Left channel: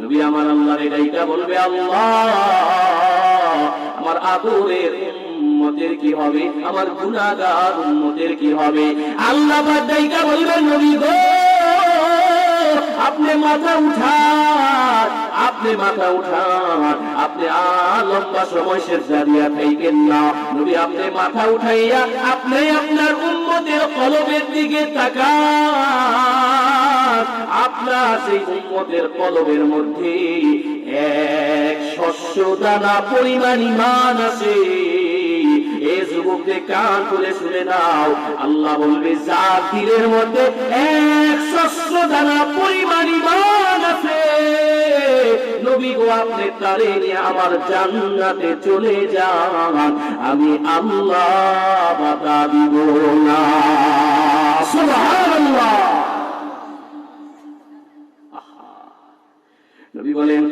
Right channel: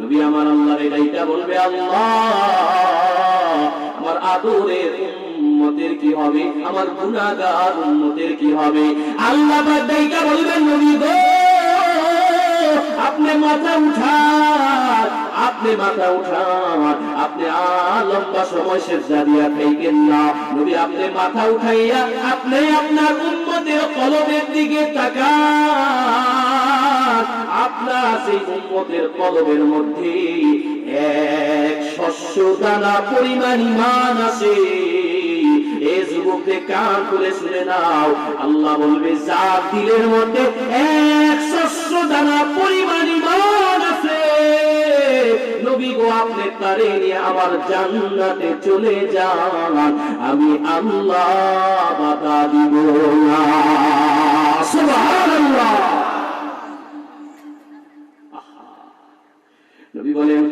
নবী আমার আল্লাহর ডাইকা বলবে, আল্লাহ আমার আদরের উম্মতের কি হবে, আমার গুনাহগার উম্মতের কি হবে? আল্লাহ পাক ডাইকা বলবেন, নবী গো আপনি মাথা উঠান, আপনি মাথা উঠান, আপনি লম্বা সময় সিজদা দিয়া থাকেন না। নবী আপনি মাথা উঠাইয়া আপনি আপনার উম্মতের কলবের দিকে তাকান। আপনার সেই উম্মতের কলবের মধ্যে এক শস্য দানা পরিমাণ ঈমান আছে। এ যুবকদের কান খুলে শুনে নাও, আল্লাহ বলবে যার দিলের মধ্যে এক শস্য দানা পরিমাণ ঈমান আছে, নবী গো আপনি তারে নিয়ে আমার জান্নাতে চলে যান, আমি আল্লাহ বাধা দিব না। সুবহানাল্লাহ। নবী বলেন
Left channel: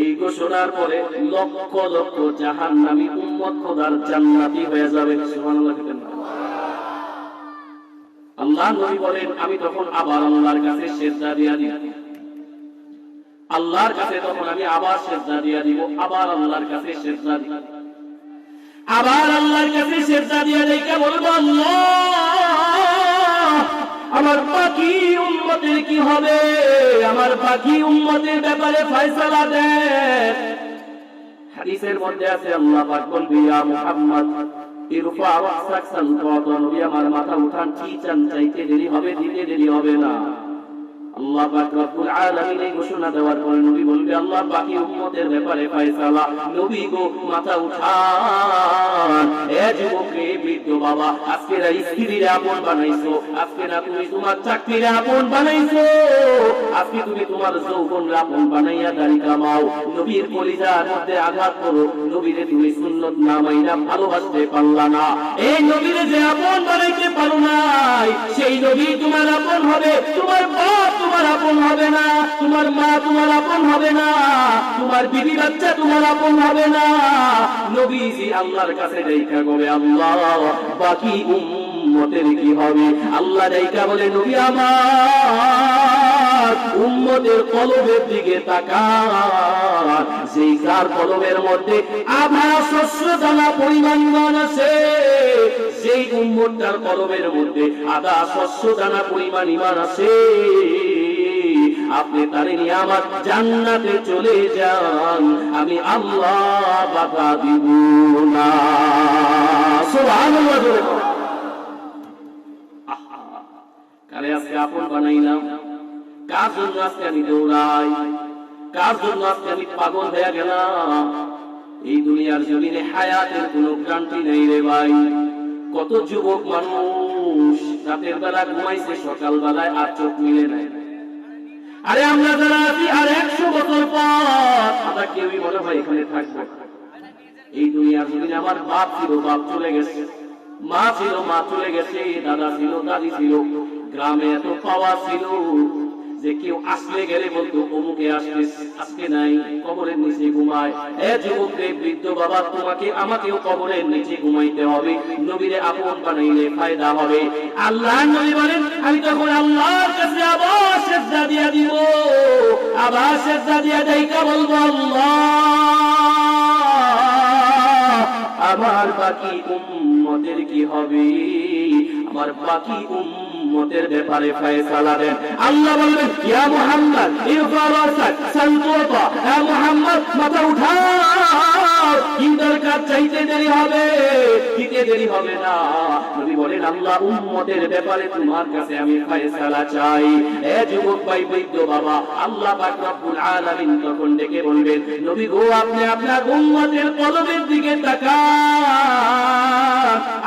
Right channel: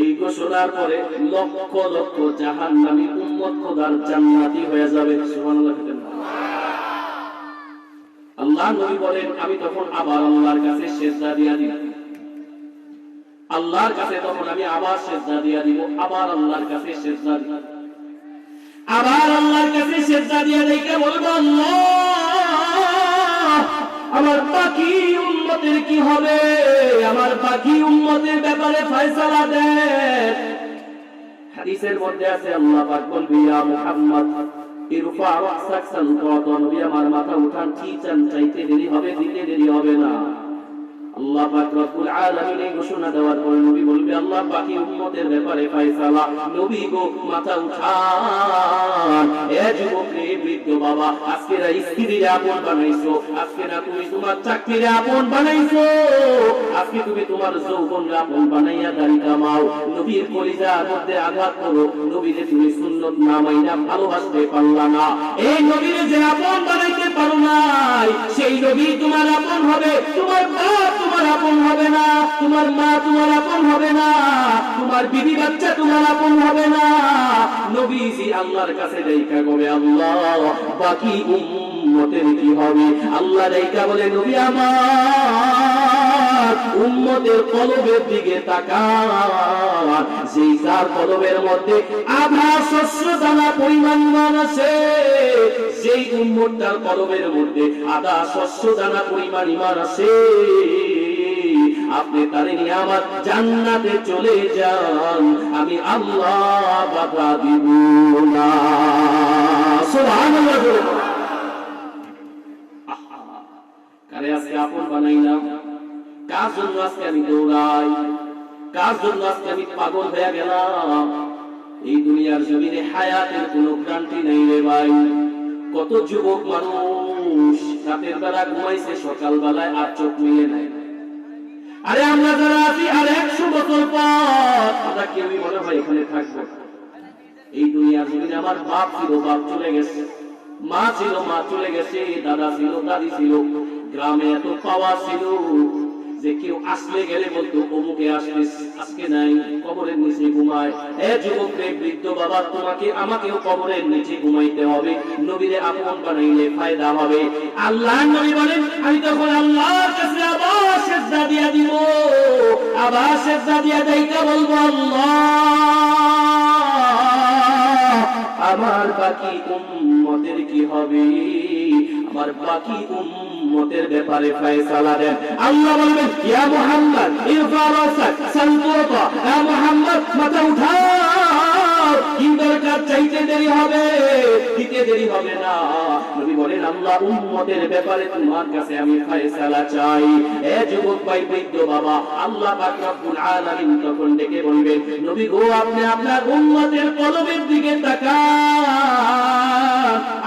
এই ঘোষণার পরে লক্ষ লক্ষ জাহান্নামী উম্মত খোদার জান্নাতি হয়ে যাবে। সুবহানাল্লাহ। আল্লাহ নবী বলেন আমি তখন আবার আল্লাহর কাছে সিজদা দিয়া দিব, আল্লাহর কাছে তখন আমি আবার সিজদা দিয়া দিব, আবার আল্লাহর কাছে সিজদা দিব, আবার আল্লাহর কাছে সিজদা দিয়া দেখে বলবো আল্লাহ আমার বাকি উম্মতের কি হবে, আমার বাকি উম্মতের ব্যাপারে ফয়সালা দেন। হাদিসের মধ্যে আছে আল্লাহ পাক বলবে ইয়া মুহাম্মদ ইরফা রাসাক সালকাত, নবী আমার মাথা উঠান, কি চান চাইতে দেরি হবে, দিতে দেরি হবে না। আল্লাহ পাক রব্বুল আলামিন এই ঘোষণা দেওয়ার পরে নবী বলবে আল্লাহ বাকি উম্মতের ব্যাপারে ফয়সালা। নবী গো মাথা উঠান। এ যুবক রে, বৃদ্ধ বাবা, আজকে না স্ত্রীর আপন বানাইছো, আজকে না তুমি তোমার চাকরির আপন বানাইছো, আজকে তুমি তোমার যৌবনের আপন বানাইয়া দাড়ি কামাও, নবীর কলিজার মধ্যে আঘাত করো, নবীরে তুমি সুন্নত না মাইনা ভালোবাসতে পারলা না। এই নবীরে যে আপন বানাইতে পারো নাই, সেই নবী তোমার আপন হবে, তোমার বাপ তোমার আপন হবে না, তোমার মা তোমার আপন হবে না, তোমার বিবি বাচ্চা তোমার আপন হবে না। নবীজি আল্লাহর কাছে দেখা বলে আল্লাহ বাকি উম্মতের কি হবে? আল্লাহ দেখা বলে নবী আমার উম্মতের কলবের দিকে তাকান, যেই যার কলবের মধ্যে আধা শস্য দানা পরিমাণ আছে, যেই উম্মতটার কলবের মধ্যে আধা শস্য দানা পরিমাণ ঈমান আছে, আপনি তারে নিয়ে আমার জান্নাতে চলে যান, আমি আল্লাহ বাধা দিব না। সুবহানাল্লাহ। কারে আজকে আপন বানাইলাম, কার জন্য আজকে আমি দৌড়াই, কার জন্য আজকে আমি পাগল হয়ে গেলাম? এই দুনিয়ার জমিনে হায়াতের কোনো গ্যারান্টি নেই রে ভাই। কত যুবক মানুষ রাতের বেলা ঘুমাইছে, সকাল বেলায় আর চোখ মিলে নাই। আরে আমরা যারা আছি আর 100 বছর পর আমরা কেউই মনে হয় এখানে থাকবো। এই দুনিয়ার জমিনে আমার বাপ ছিল, বাপ চলে গেছে, মা ছিল, মা চলে গেছে, দাদা ছিল, দাদি ছিল, গ্রামে এত পাওয়ার ছিল যে কেউ আসলে গেলে বলতো অমুকে আসবে, আজকে নাই, কবরের নিচে ঘুমায়। এ যুবক রে, বৃদ্ধ বাবা, তোমাকে আমাকেও কবরের নিচে ঘুমাইতে হবে, নবীরে আপন বানাইলে ফায়দা হবে। আল্লাহ নবী বলেন আমি তখন আল্লাহর কাছে আবার সিজদা দিয়া দিব, আবার সিজদা দিয়া দেইকা বলবো আল্লাহ আমার বাকি উম্মতের কি হবে, আমার বাকি উম্মতের ব্যাপারে ফয়সালা দেন। আল্লাহ বলবেন ইয়া মুহাম্মদ ইরফা রাসাক সালকাত, ইয়া মুহাম্মদ মাথা উঠাও, কি দরকার চাইতে দেরি হবে, দিতে দেরি হবে না। নবী বলেন আল্লাহ উম্মতের ব্যাপারে তোমার কাছে আমি ফয়সালা চাই। এ যুবক ভাই, বৃদ্ধ বাবা, আল্লাহ পাক রব্বুল আলামিন তখন ডেকে বলবেন নবী গো আপনি আপনার উম্মতের কলবের দিকে তাকান।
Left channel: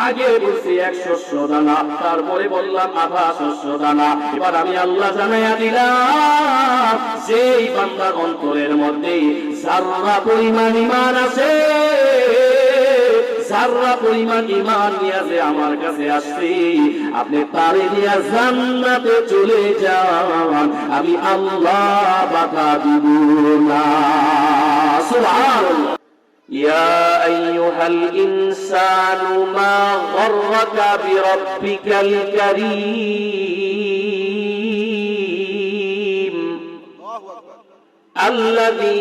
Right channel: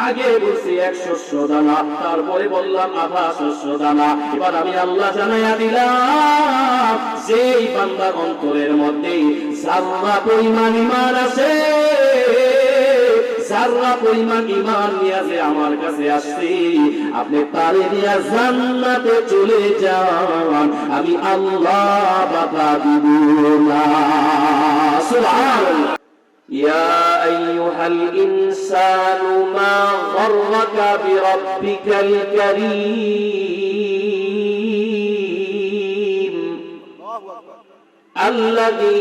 আগে বলছি 100 দানা, তারপরে বললাম আধা শস্য দানা। এবার আমি আল্লাহ জানাইয়া দিলাম যেই বান্দার অন্তরের মধ্যে যারা পরিমাণ ঈমান আছে, যারা পরিমাণ ঈমান নিয়ে যে আমার কাছে আসছে, আপনি তারে নিয়ে জান্নাতে চলে যান, আমি আল্লাহ বাধা দিব না। সুবহানাল্লাহ। ইয়া আইয়ুহাল ইনসানু মা গররাকা বিরাব্বিকাল কারীম আল্লাযী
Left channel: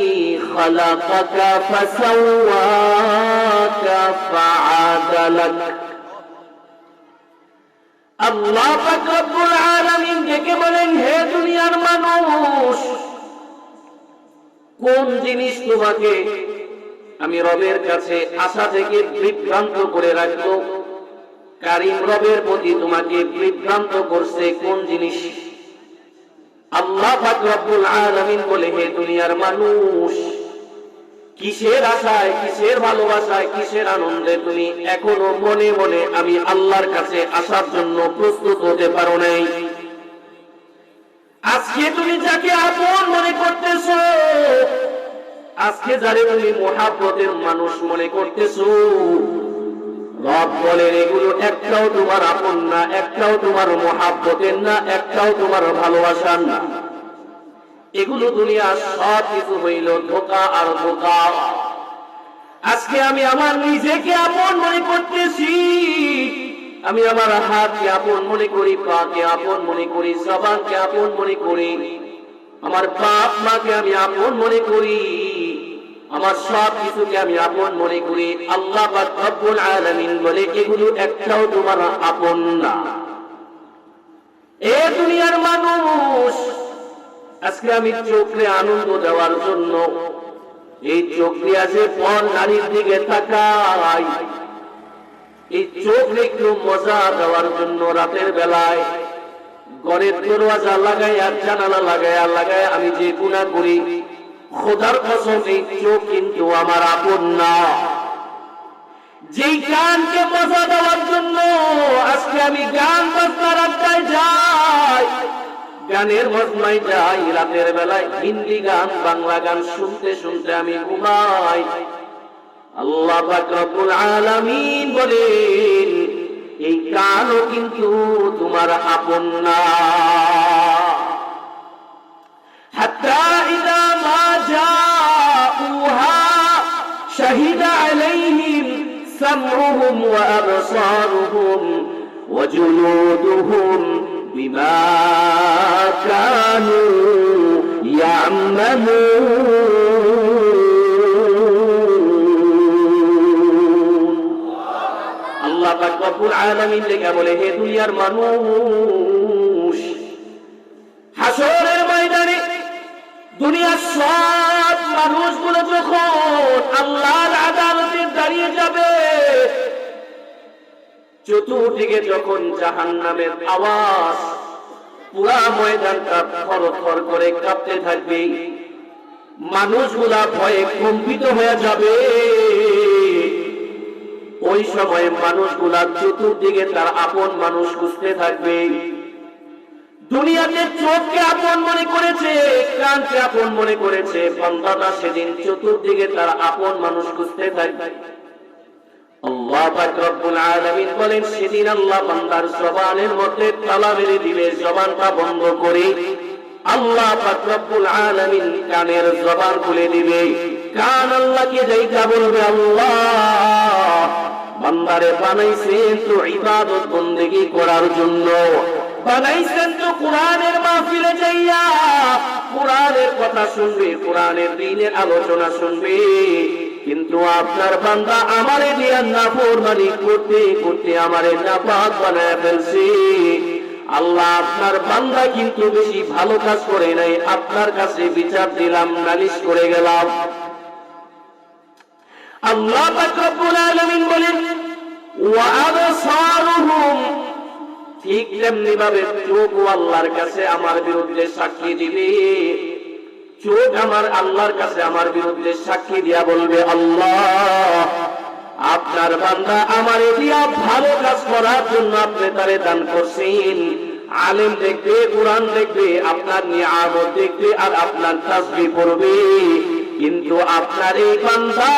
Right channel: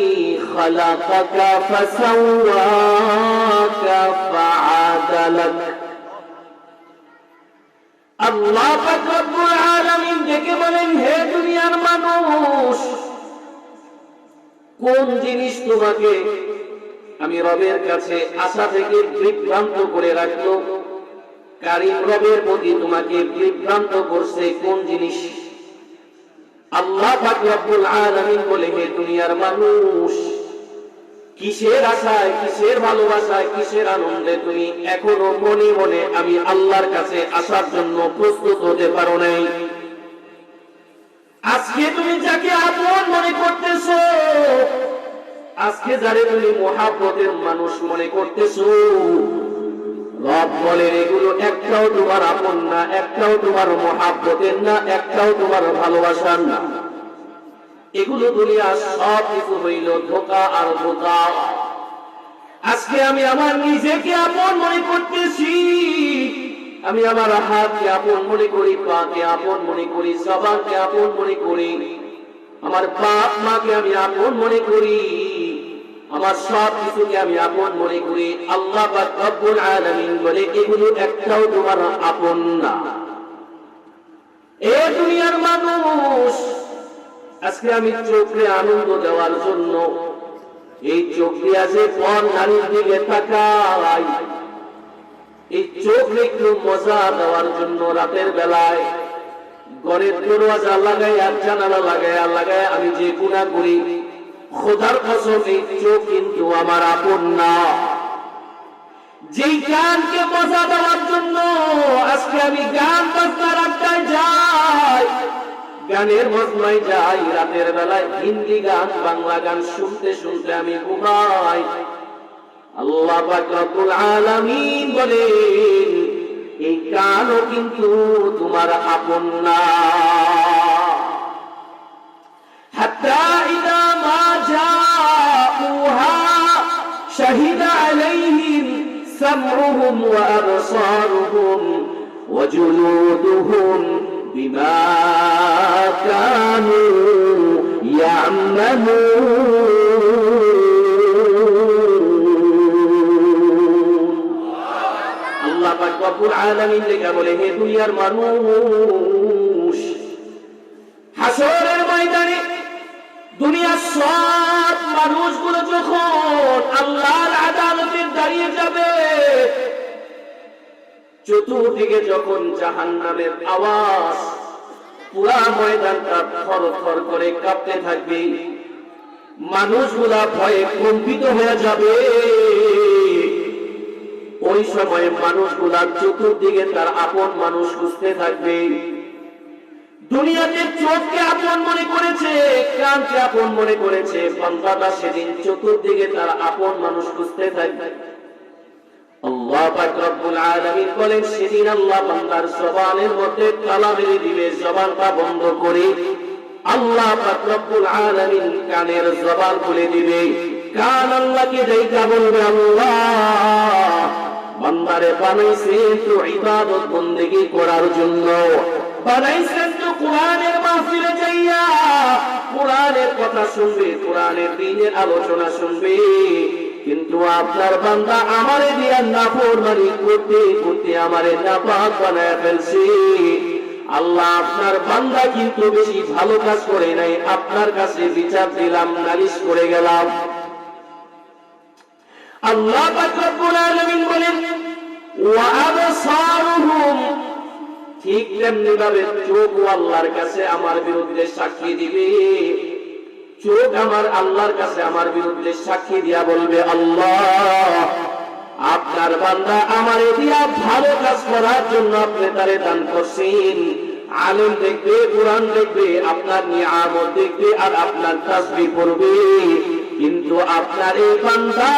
খালাকাকা ফাসাওয়াকা ফাআদালাক। আল্লাহ পাক রব্বুল আলামিন ডেকে বলেন, হে দুনিয়ার মানুষ, কোন জিনিস তোমাকে আমি রবের কাছে আশা থেকে বিভ্রান্ত করে রাখলো? কারীম রবের প্রতি তোমাকে বিভ্রান্ত করছে কোন জিনিস? আল্লাহ পাক রব্বুল আলামিন বলে, হে দুনিয়ার মানুষ, কিসের আশায়, কিসের ভালোবাসায়, কিসের আনন্দে তুমি এখনো মনে মনে আমি আল্লাহর কাছে আসার জন্য প্রস্তুত হতে পারো নাই? আজকে তুমি যাকে আপন মনে করতেছো, আজকে যারে তুমি মুহাব্বতের মানুষ মনে করতেছো, রব বলেন এগুলো একটাও তোমার আপন না, একটাও তোমার মুহাব্বতের না, একটাও তোমার ভালোবাসার না। এগুলো দুনিয়ার সব কিছু হইল ধোঁকা আর ধোঁকা। আজকে আমি আমার নিজেকে আপন মনে করতেছি, আমি আমার হাতকে আপন মনে করি, পাকে আপন মনে করি, জবানকে আপন মনে করি, আমার বাপ মাকে আমি আপন মনে করি, আমার সব কিছুকে আমি আপন মনে করি। আল্লাহ পাক রব্বুল আলামিন বলে এগুলো একটাও তোমার আপন না। এ দুনিয়ার মানুষ, আজকে আমি চোখে আনন্দ দেওয়ার জন্য এই চোখ দিয়ে আছে পর নারীর দিকে তাকাই, এই চোখ একটু মজা দেওয়ার জন্য রাতের বেলায় ঘরের দরওয়াজা লাগাই আর জানালা লাগাই আমি যে গুনাহ করি, খোদার কসম এই চোখ কিন্তু আমার আপন না। যেই গানকে মজা দেওয়ার জন্য আজকে আমি গান বাজনার আড্ডায় যাই, গানের মজমায় যাই, রাতের বেলায় হিন্দি গান, বাংলা গান শুনতে শুনতে আমি ঘুমাই। আল্লাহ পাক রব্বুল আলামিন বলেন এই কানও কিন্তু তোমার আপন না। হাত্তা ইযা মা জাউহা শাহিদা আলাইহিম সামউহুম ওয়া আবসারুহুম ওয়া জুলুদুহুম বিমা কানু ইয়া'মালুন। আল্লাহ পাক রব্বুল আলামিন লেখা বলে, হে দুনিয়ার মানুষ, হাসরের ময়দানে দুনিয়ার সব মানুষগুলো যখন আল্লাহর আদালতে দাঁড়িয়ে যাবে, চতুর্দিকে যখন জাহান্নামের আওয়াজ, পুরা ময়দানটা থরথর করে কাঁপতে থাকবে, মানুষগুলা ভয়ে কম্পিত হয়ে যাবে। ওই সময় মানুষগুলা চতুর্দিকে তার আপন মানুষ খুঁজতে থাকবে। দুনিয়াতে চোখকে আপন মনে করেছে, কানকে আপন মনে করেছে, বান্দাটা সেদিন চতুর্দিকে তার আপন মানুষ খুঁজতে থাকবে। আল্লাহ পাক রব্বুল আলামিন বলেন, সেদিন আল্লাহ বান্দার জবানের মধ্যে তালা মেরে দিবে, জবানটা বন্ধ করে আল্লাহ পাক রব্বুল আলামিন কানের জবান খুলে দিবে। কান আল্লাহকে দেখা বলবে, আল্লাহ বান্দারে বানাইছেন তো ইবাদত বন্দেগী করার জন্য, বানাইছেন তো কোরআনের মাহফিলে যাইয়া কোরআনের কথা শুনবে, কোরআনের দ্বীনের আলোচনা শুনবে, কিন্তু আপনার বান্দা আমারে দিয়া নাফরমানি করতে করতে আমারে নাপাক বানায় ফেলছে। আল্লাহ আপনার বান্দা কিন্তু বেশি ভালো কাজ করে নাই, আপনার কাছে বিচার দিলাম, নালিশ করে গেলাম। আল্লাহ পাক রব্বুল আলামিন বলেন, ওয়া আবসারুহুম, ঠিক তেমনি ভাবে চোখও আল্লাহর কাছে আমার বিরুদ্ধে সাক্ষী দিবে। চোখ আমার আল্লাহর কাছে আমার বিরুদ্ধে সাক্ষী দিয়া বলবে, আল্লাহ আপনার বান্দা আমারে দিয়া ভালো কাজ করার জন্য আপনি তারে দান করছেন। আলেম দেখবে, কোরআন দেখবে, আপনার নিয়ামত দেখবে আর আপনার তাসবিহ পড়বে, কিন্তু আপনার এই বান্দা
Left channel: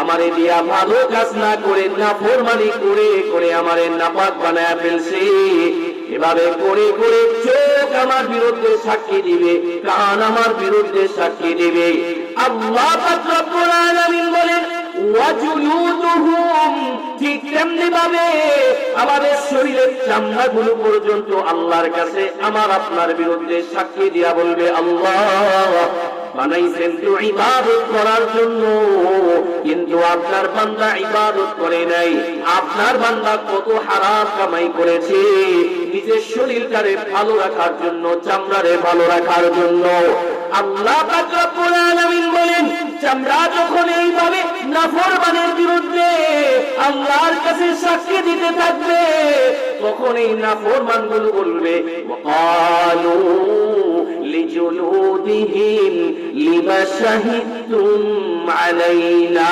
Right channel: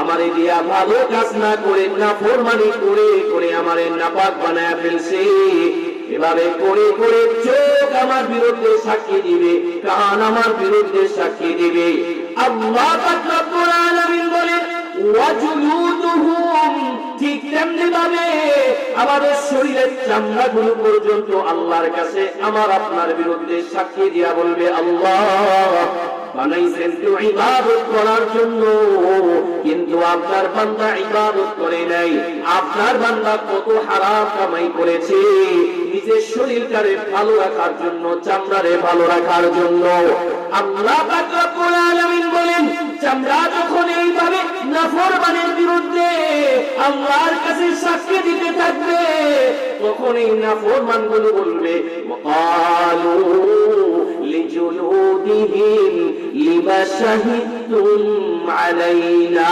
আমারে দিয়া ভালো কাজ না করে নাফরমানি করে করে আমারে নাপাক বানায় ফেলছে। এভাবে করে করে চোখ আমার বিরুদ্ধে সাক্ষী দিবে, কান আমার বিরুদ্ধে সাক্ষী দিবে। আল্লাহ পাক রব্বুল আলামিন বলেন, ওয়া জুলুদুহুম, ঠিক তেমনি ভাবে আমাদের শরীরের চামড়াগুলো পর্যন্ত আল্লাহর কাছে আমার আপনার বিরুদ্ধে সাক্ষী দিয়া বলবে, আল্লাহ বানাইছেন তো ইবাদত করার জন্য, কিন্তু আপনার বান্দা ইবাদত করে নাই। আপনার বান্দা কত হারাম কামাই করেছে নিজের শরীরটারে ভালো রাখার জন্য, চামড়ারে ভালো রাখার জন্য। আল্লাহ পাক রব্বুল আলামিন বলেন, চামড়া যখন এইভাবে নাফরমানের বিরুদ্ধে আল্লাহর কাছে সাক্ষী দিতে থাকবে, তখন এই নাফরমানগুলো বলবে, ওয়াকালু লিজুলুদিহিম লিমা শাহিদতুম আলাইনা।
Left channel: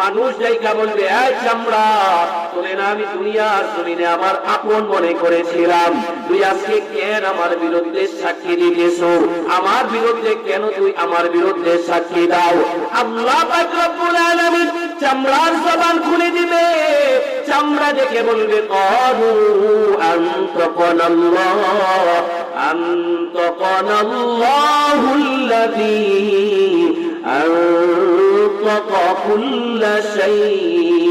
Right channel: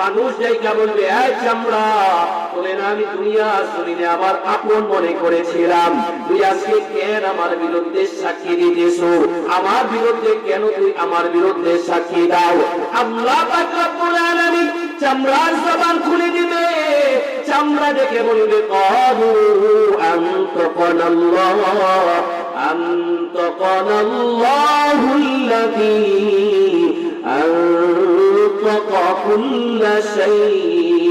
মানুষ যাইকা বলবে, এই চামড়া, তোরে না আমি দুনিয়ার জমিনে আমার আপন মনে করেছিলাম, তুই আজকে কেন আমার বিরুদ্ধে সাক্ষী দিতেছ? আমার বিরুদ্ধে কেন তুই আমার বিরুদ্ধে সাক্ষী দাও? আল্লাহ পাক রব্বুল আলামিন চামড়ার জবান খুলে দিবে, চামড়া দেখে বলবে, ক্বালু আনতাকানাল্লাহ আনতাকানাল্লাহুল্লাযী আনতাকা কুল্লা শাইইন।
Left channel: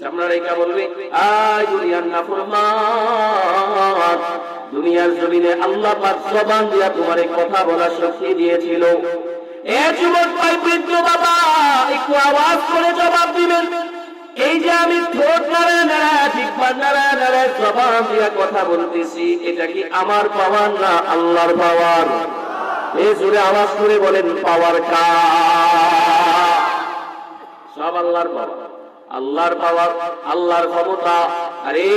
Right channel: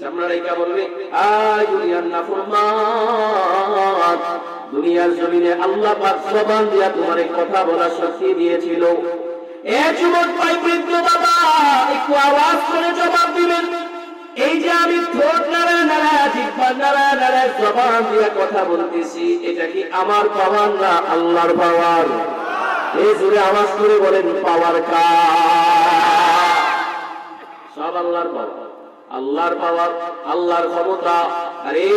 চামড়া রেখা বলবে, আয় দুনিয়ার নাফরমান, দুনিয়ার জমিনে আল্লাহ পাক জবান দিয়া তোমারে কথা বলার শক্তি দিয়েছিল। এ যুবক ভাই, বৃদ্ধ বাবা, একটু আওয়াজ করে জবাব দিবেন। এই যে আমি ঠোঁট নাড়া নাড়া, জিহ্বা নাড়া নাড়া জবান দিয়া কথা বলতেছি, এটা কি আমার পাওয়ার না আল্লাহর পাওয়ার? এই জোরে আওয়াজ করে বলেন, পাওয়ার কার? সব আল্লাহর পাওয়ার, আল্লাহর পাওয়ার, আল্লাহর ক্ষমতা। আরে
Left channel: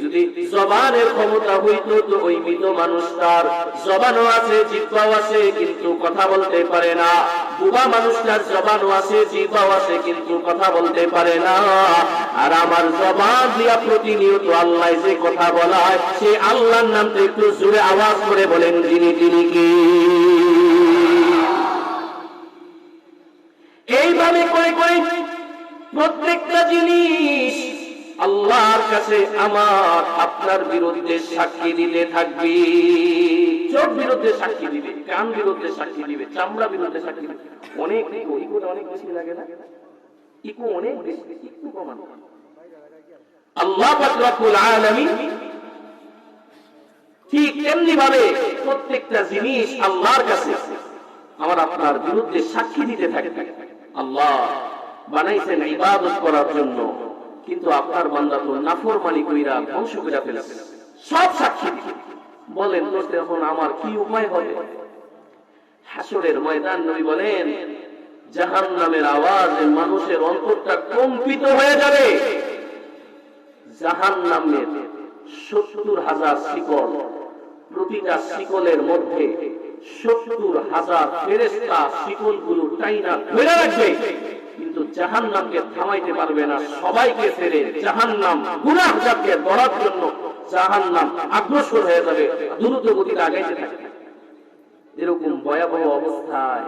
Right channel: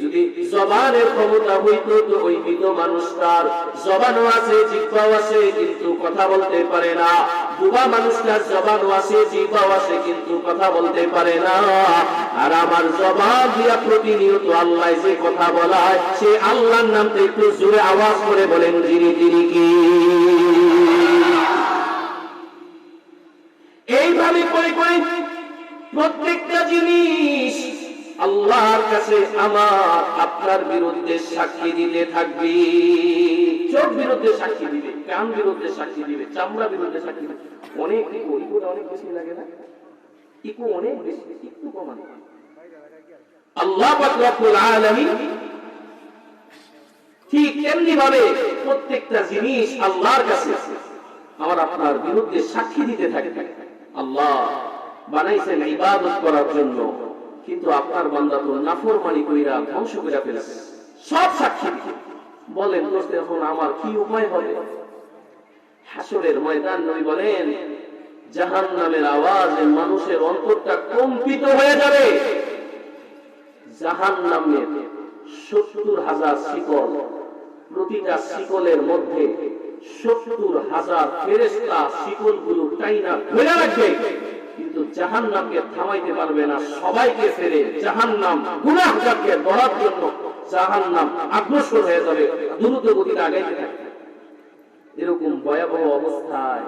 যদি জবানের ক্ষমতা হইতো তো ওই মৃত মানুষটার জবানও আছে, জিহ্বাও আছে, কিন্তু কথা বলতে পারে না। বুবা মানুষটার জবানও আছে, জিহ্বাও আছে, কিন্তু কথা বলতে পারে না। আর আমার জবান দিয়া প্রতিনিয়ত আল্লাহ যে কথা বলায়, সে আল্লাহর নামটা একটু জোরে আওয়াজ করে বলেন, যিনি তিনি কি? এইভাবে করে করে প্রত্যেকটা জিনিস আল্লাহর কাছে আমার আপনার বিরুদ্ধে সাক্ষী দিতে থাকবে। চোখ বিরুদ্ধে সাক্ষী দিবে, কান বিরুদ্ধে সাক্ষী দিবে, চামড়া বিরুদ্ধে সাক্ষী দিবে। অনেক ইকোটা অনেক বেশি লাগে না? ইকো অনেক বেশি, একটু কমানো। আল্লাহ পাক রব্বুল আলামিন ঠিক তেমনি ভাবে প্রত্যেকটা জিনিস আল্লাহর কাছে আমার আপনার বিরুদ্ধে সাক্ষী দিতে থাকবে। আল্লাহ বানাইছেন ইবাদত করার জন্য, কিন্তু আপনার বান্দা তো নাফরমানি কইরা ধ্বংস কইরা ফেলেছে। সব সাক্ষী দিবে। বলেন দোস্ত, এখন আমার কি উপায় হবে? হাসরের ময়দান নবী বলেন, জাহান্নামের আওয়াজে মানুষের অন্তরটা কম্পিত হয়ে যাবে। জাহান্নামের ৭০,০০০ শিকল, প্রতিটা শিকলের মধ্যে ৭০,০০০ ফেরেশতা শিকলগুলো টাইনা ধরে রাখবে, কিন্তু জাহান্নামকে থামাইতে পারবে না। সবাইকে ফেলে জাহান্নাম গুনাহগারকে ধরার জন্য জাহান্নাম অগ্রসর হয়ে যাবে, দ্রুত গতিতে আগাইতে থাকবে। এরকম ভয়াবহ অবস্থায়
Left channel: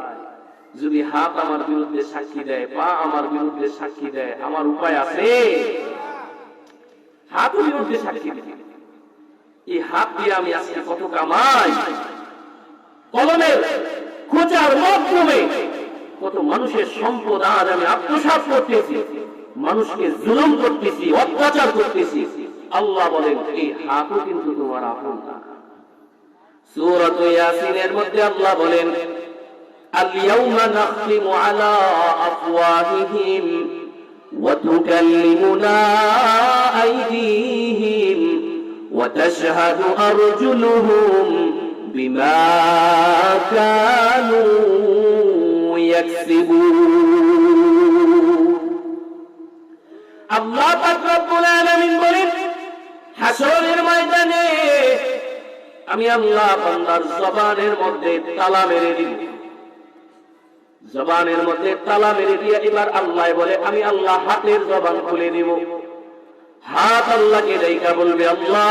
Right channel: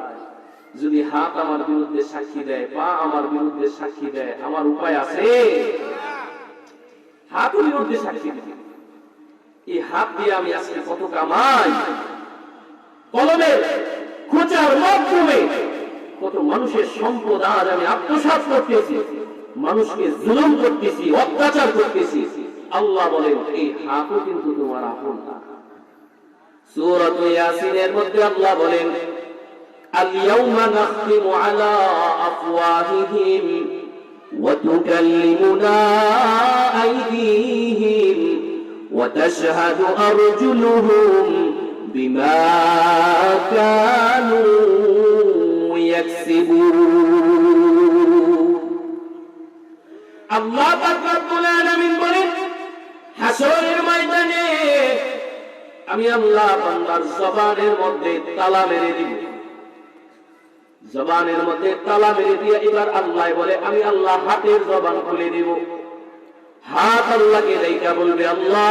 যদি হাত আমার বিরুদ্ধে সাক্ষী দেয়, পা আমার বিরুদ্ধে সাক্ষী দেয়, আমার উপায় আছে? হাত বিরুদ্ধে সাক্ষী দিবে। এই হাত দিয়ে আমি আজকে কত কামাই, কলমের খোঁচার মাধ্যমে কত মানুষের সম্পদ আজ আমি আত্মসাৎ করতেছি, মানুষকে জুলুম করতেছি, অত্যাচার করতেছি। আল্লাহ বলেন, এই হাতও কিন্তু তোমার আপন না। সূরা ইয়াসিনের মধ্যে আল্লাহ বলেন, আল-ইয়াউমা নাখতিমু আলা আফওয়াহিহিম ওয়া তুকাল্লিমুনা আইদিহিম ওয়া তাশহাদু আরজুলুহুম বিমা কানু ইয়াকসিবুন। আল্লাহ পাক রব্বুল আলামিন বলেন, হাসরের ময়দানে আমি আল্লাহ বান্দার জবানের মধ্যে তালা মেরে দিব। জবানের মধ্যে তালা মেরে দিয়ে এবার আল্লাহ বলে, আমি আল্লাহ হাতের জবান খুলে দিব। হাত আল্লাহকে দেখা বলবে, আল্লাহ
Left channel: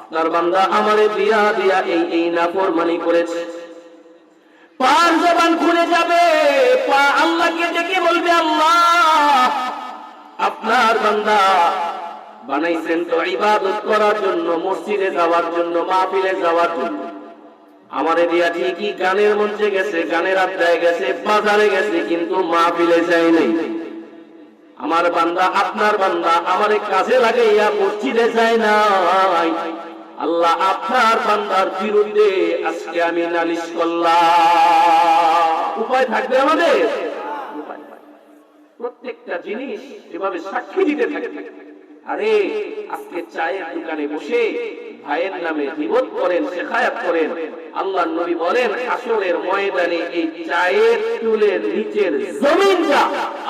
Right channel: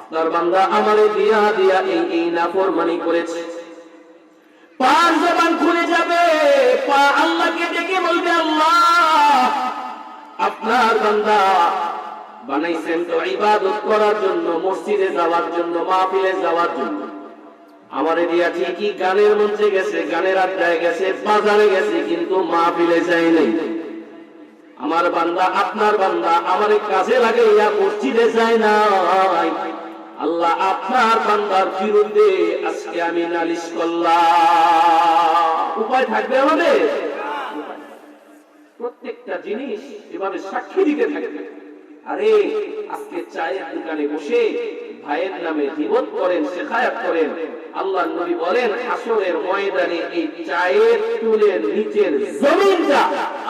আপনার বান্দা আমারে দিয়া দিয়া এই নাফরমানি করেছে। পার জবান খুলে যাবে, পা আল্লাহকে ডেকে বলবে, আল্লাহ আপনার বান্দা বানাইছেন তো ইবাদত করার জন্য, মসজিদে যাওয়ার জন্য, মাহফিলে যাওয়ার জন্য, আমারে দিয়া ঠিকই গানের মঞ্চে গেছে, গানের আড্ডায় গেছে, বাজারে গেছে, কিন্তু মাহফিলে যায়নি। আমার বান্দা, আপনার বান্দা আমারে কাজে লাগে ইয়া মসজিদে যায় নাই। আল্লাহ আপনার বান্দার বিরুদ্ধে আজকে আমি নালিশ করলাম। উপায় থাকবে আমাদের? প্রত্যেকটা জিনিস এভাবে সাক্ষী দিতে থাকবে। আরে আজকে চায়ের দোকানে বসে ভাইয়ের নামে গীবত করেন, শেখায়াত করেন, আল্লাহর নবী বলেন হাসরের ময়দানে এই চায়ের টুলের নিচের জমিনটা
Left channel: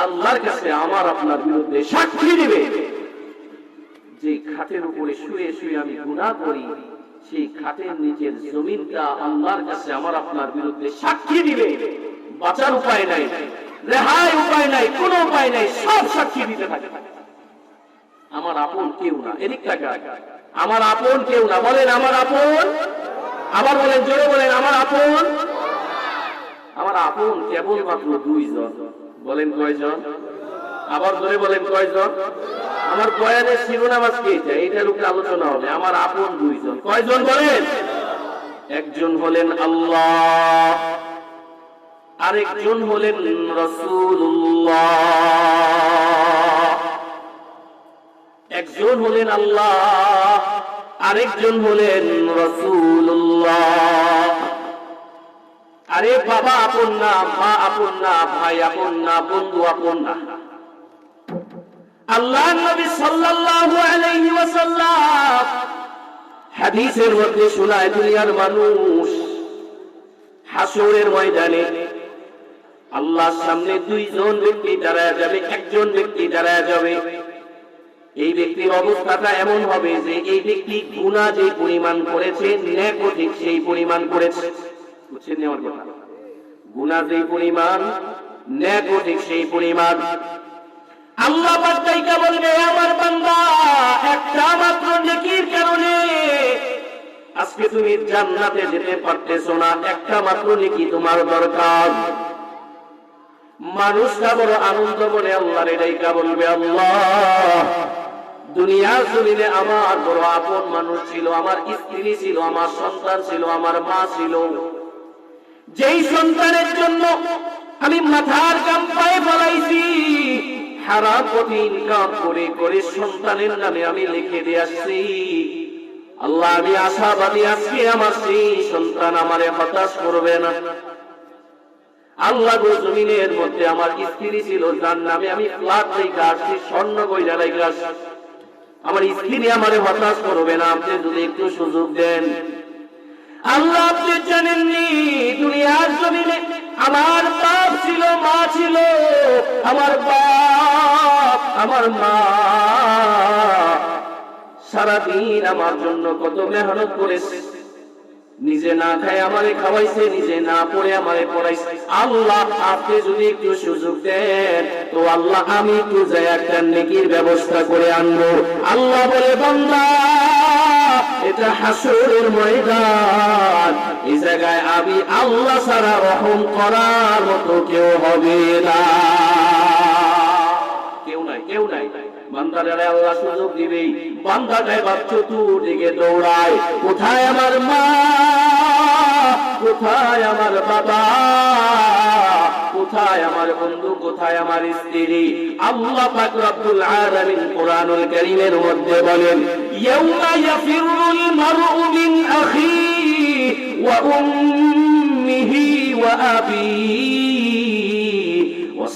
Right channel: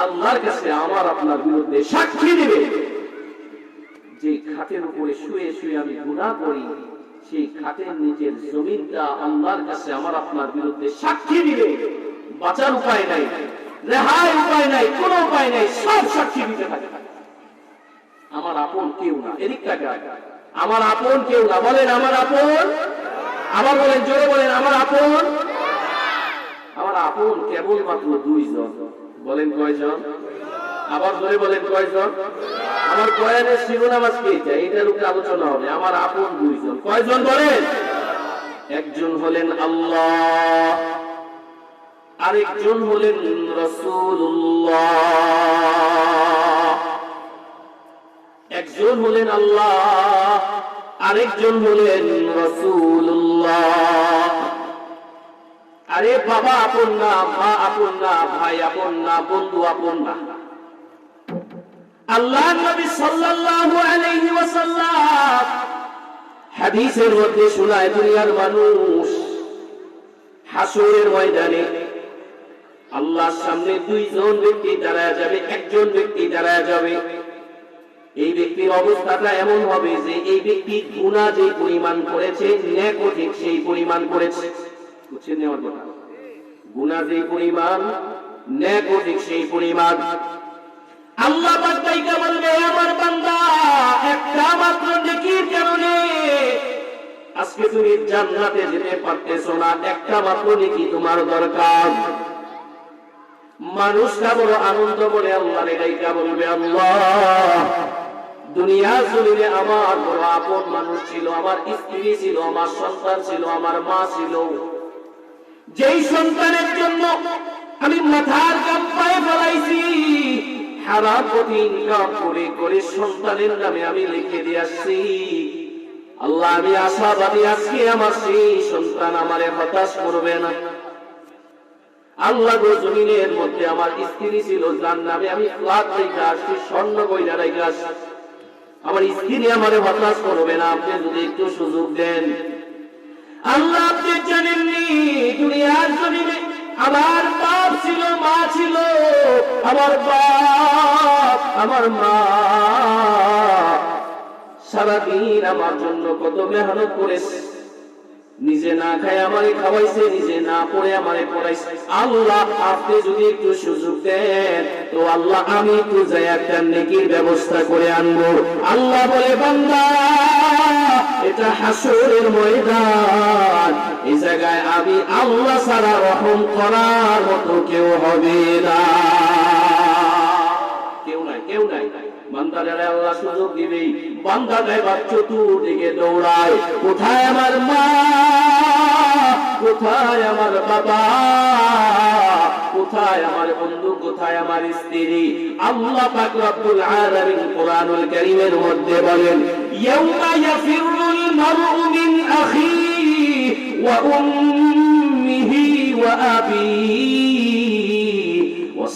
আল্লাহর কাছে আমার আপনার বিরুদ্ধে সাক্ষী দিবে। যে খাটের উপরে শুয়ে শুয়ে আমি গুনাহ করি, সেই খাটের নিচের জমিনটা আল্লাহর কাছে আমার আপনার বিরুদ্ধে সাক্ষী দিবে। বাঁচার উপায় নাই, রেহাই উপায় নাই, কোনো উপায় নাই, সব সাক্ষী দিতে থাকে। আমার আপন কেউ না, এদিক টাকা আমার আপন কেউ না। বলেন আমার আপন, আবার বলেন, জোরে বলেন আমার আপন। আমার আপন কেবলমাত্র দুইজন। বলেন কয়জন? আবার জোরে বলেন কয়জন? আমার বয়ানের শিরোনাম আজকে এইটার উপরে আলোচনা হবে। আমার আপন দুইজন। কয়জন বলেন? একজন হলেন আল্লাহ, আরেকজন হলেন রাসূলুল্লাহ। একজন হলেন আল্লাহ, আরেকজন হলেন রাসূলুল্লাহ। আরে বাবা আপন না, মা আপন না, ভাই আপন না, বন্ধু আপন না। আল্লাহর নবী সাল্লাল্লাহু আলাইহি ওয়াসাল্লাম হাদিসের মধ্যে শোনায়, দুনিয়ার মানুষ হাসরের ময়দানে আল্লাহর সামনে দুইজন ব্যক্তি দাঁড়ায় যাবে। একজন ব্যক্তি দাঁড়ায় যাবে, এই ব্যক্তির অবস্থাটা এমন হবে যে এই ব্যক্তি গুনাহ যে পরিমাণ করেছে, নেকও ঠিক সেই পরিমাণ করেছে। বুঝছেন আমার কথা? গুনাহ যে পরিমাণ, নেকও ঠিক সেই পরিমাণ। আল্লাহ পাক তাইকা বলবে, আমার বান্দা একটা মাত্র নেকির কারণে আজকে তুমি জান্নাতে যেতে পারতেছো না, একটা মাত্র নেকি তোমার দরকার। মানুষটা বড় আনন্দ বলে আল্লাহর তাইকা বলবে, আল্লাহ দুনিয়ার জমিনে আমার বড় আপন মানুষ ছিল, আমার স্ত্রী ছিল, আমার সন্তান ছিল, আমার মা ছিল, যেই সন্তানের জন্য আমি মাথার ঘাম পায়ে ফেলাইছি, হারাম পথে ইনকাম করে করে সন্তানের নামে আমি লিখে দিয়ে আসছি। আল্লাহ আমি আশাবাদী আজকে আমার সেই সন্তান আমারে হতাশ করবে না। আল্লাহ গো জমিনের মধ্যে আমার স্ত্রী ছিল, যার নামে আমি ফ্ল্যাট রেখে আসছি, স্বর্ণ কইরা রেখে আসছি, আমার স্ত্রী আমারে হতাশ করবে না। আপনি যদি একটু সুযোগ দেন। আল্লাহ আপনি জানেননি দুনিয়ার জমিনে আমার বাপ ছিল, মা ছিল, আমার বাপ আমার মা সারাদিন আমার জন্য কত মেহনত করেছে, নিজে না খায় আমারে খাওয়াইছে, নিজে না পড়ে আমারে পড়াইছে। আল্লাহ আপনি যদি একটু সুযোগ দেন তো আল্লাহ আমি একটু যাই একটা নেকির ব্যবস্থা করে আনবো। আল্লাহ বলে, বান্দা এটা হাসরের ময়দান, এই জায়গায় আমি আল্লাহ ছাড়া রহম করার মতো কেউ হবে না। কেউ নাই, কেউ নাই। বান্দারে আল্লাহ সুযোগ দিবেই। বান্দাটা এবার চতুর্দিকে দৌড়ায়, কোথায় আমার মা, কোথায় আমার বাবা, কোথায় আমার বন্ধু, কোথায় আমার স্ত্রী। আল্লাহ পাক রব্বুল আলামিন কোরআনুল কারীমের মধ্যে বলেন, ইয়াউমা ইয়াফিরুল মারউ মিন আখিহি ওয়া উম্মিহি ওয়া আবিহি ওয়া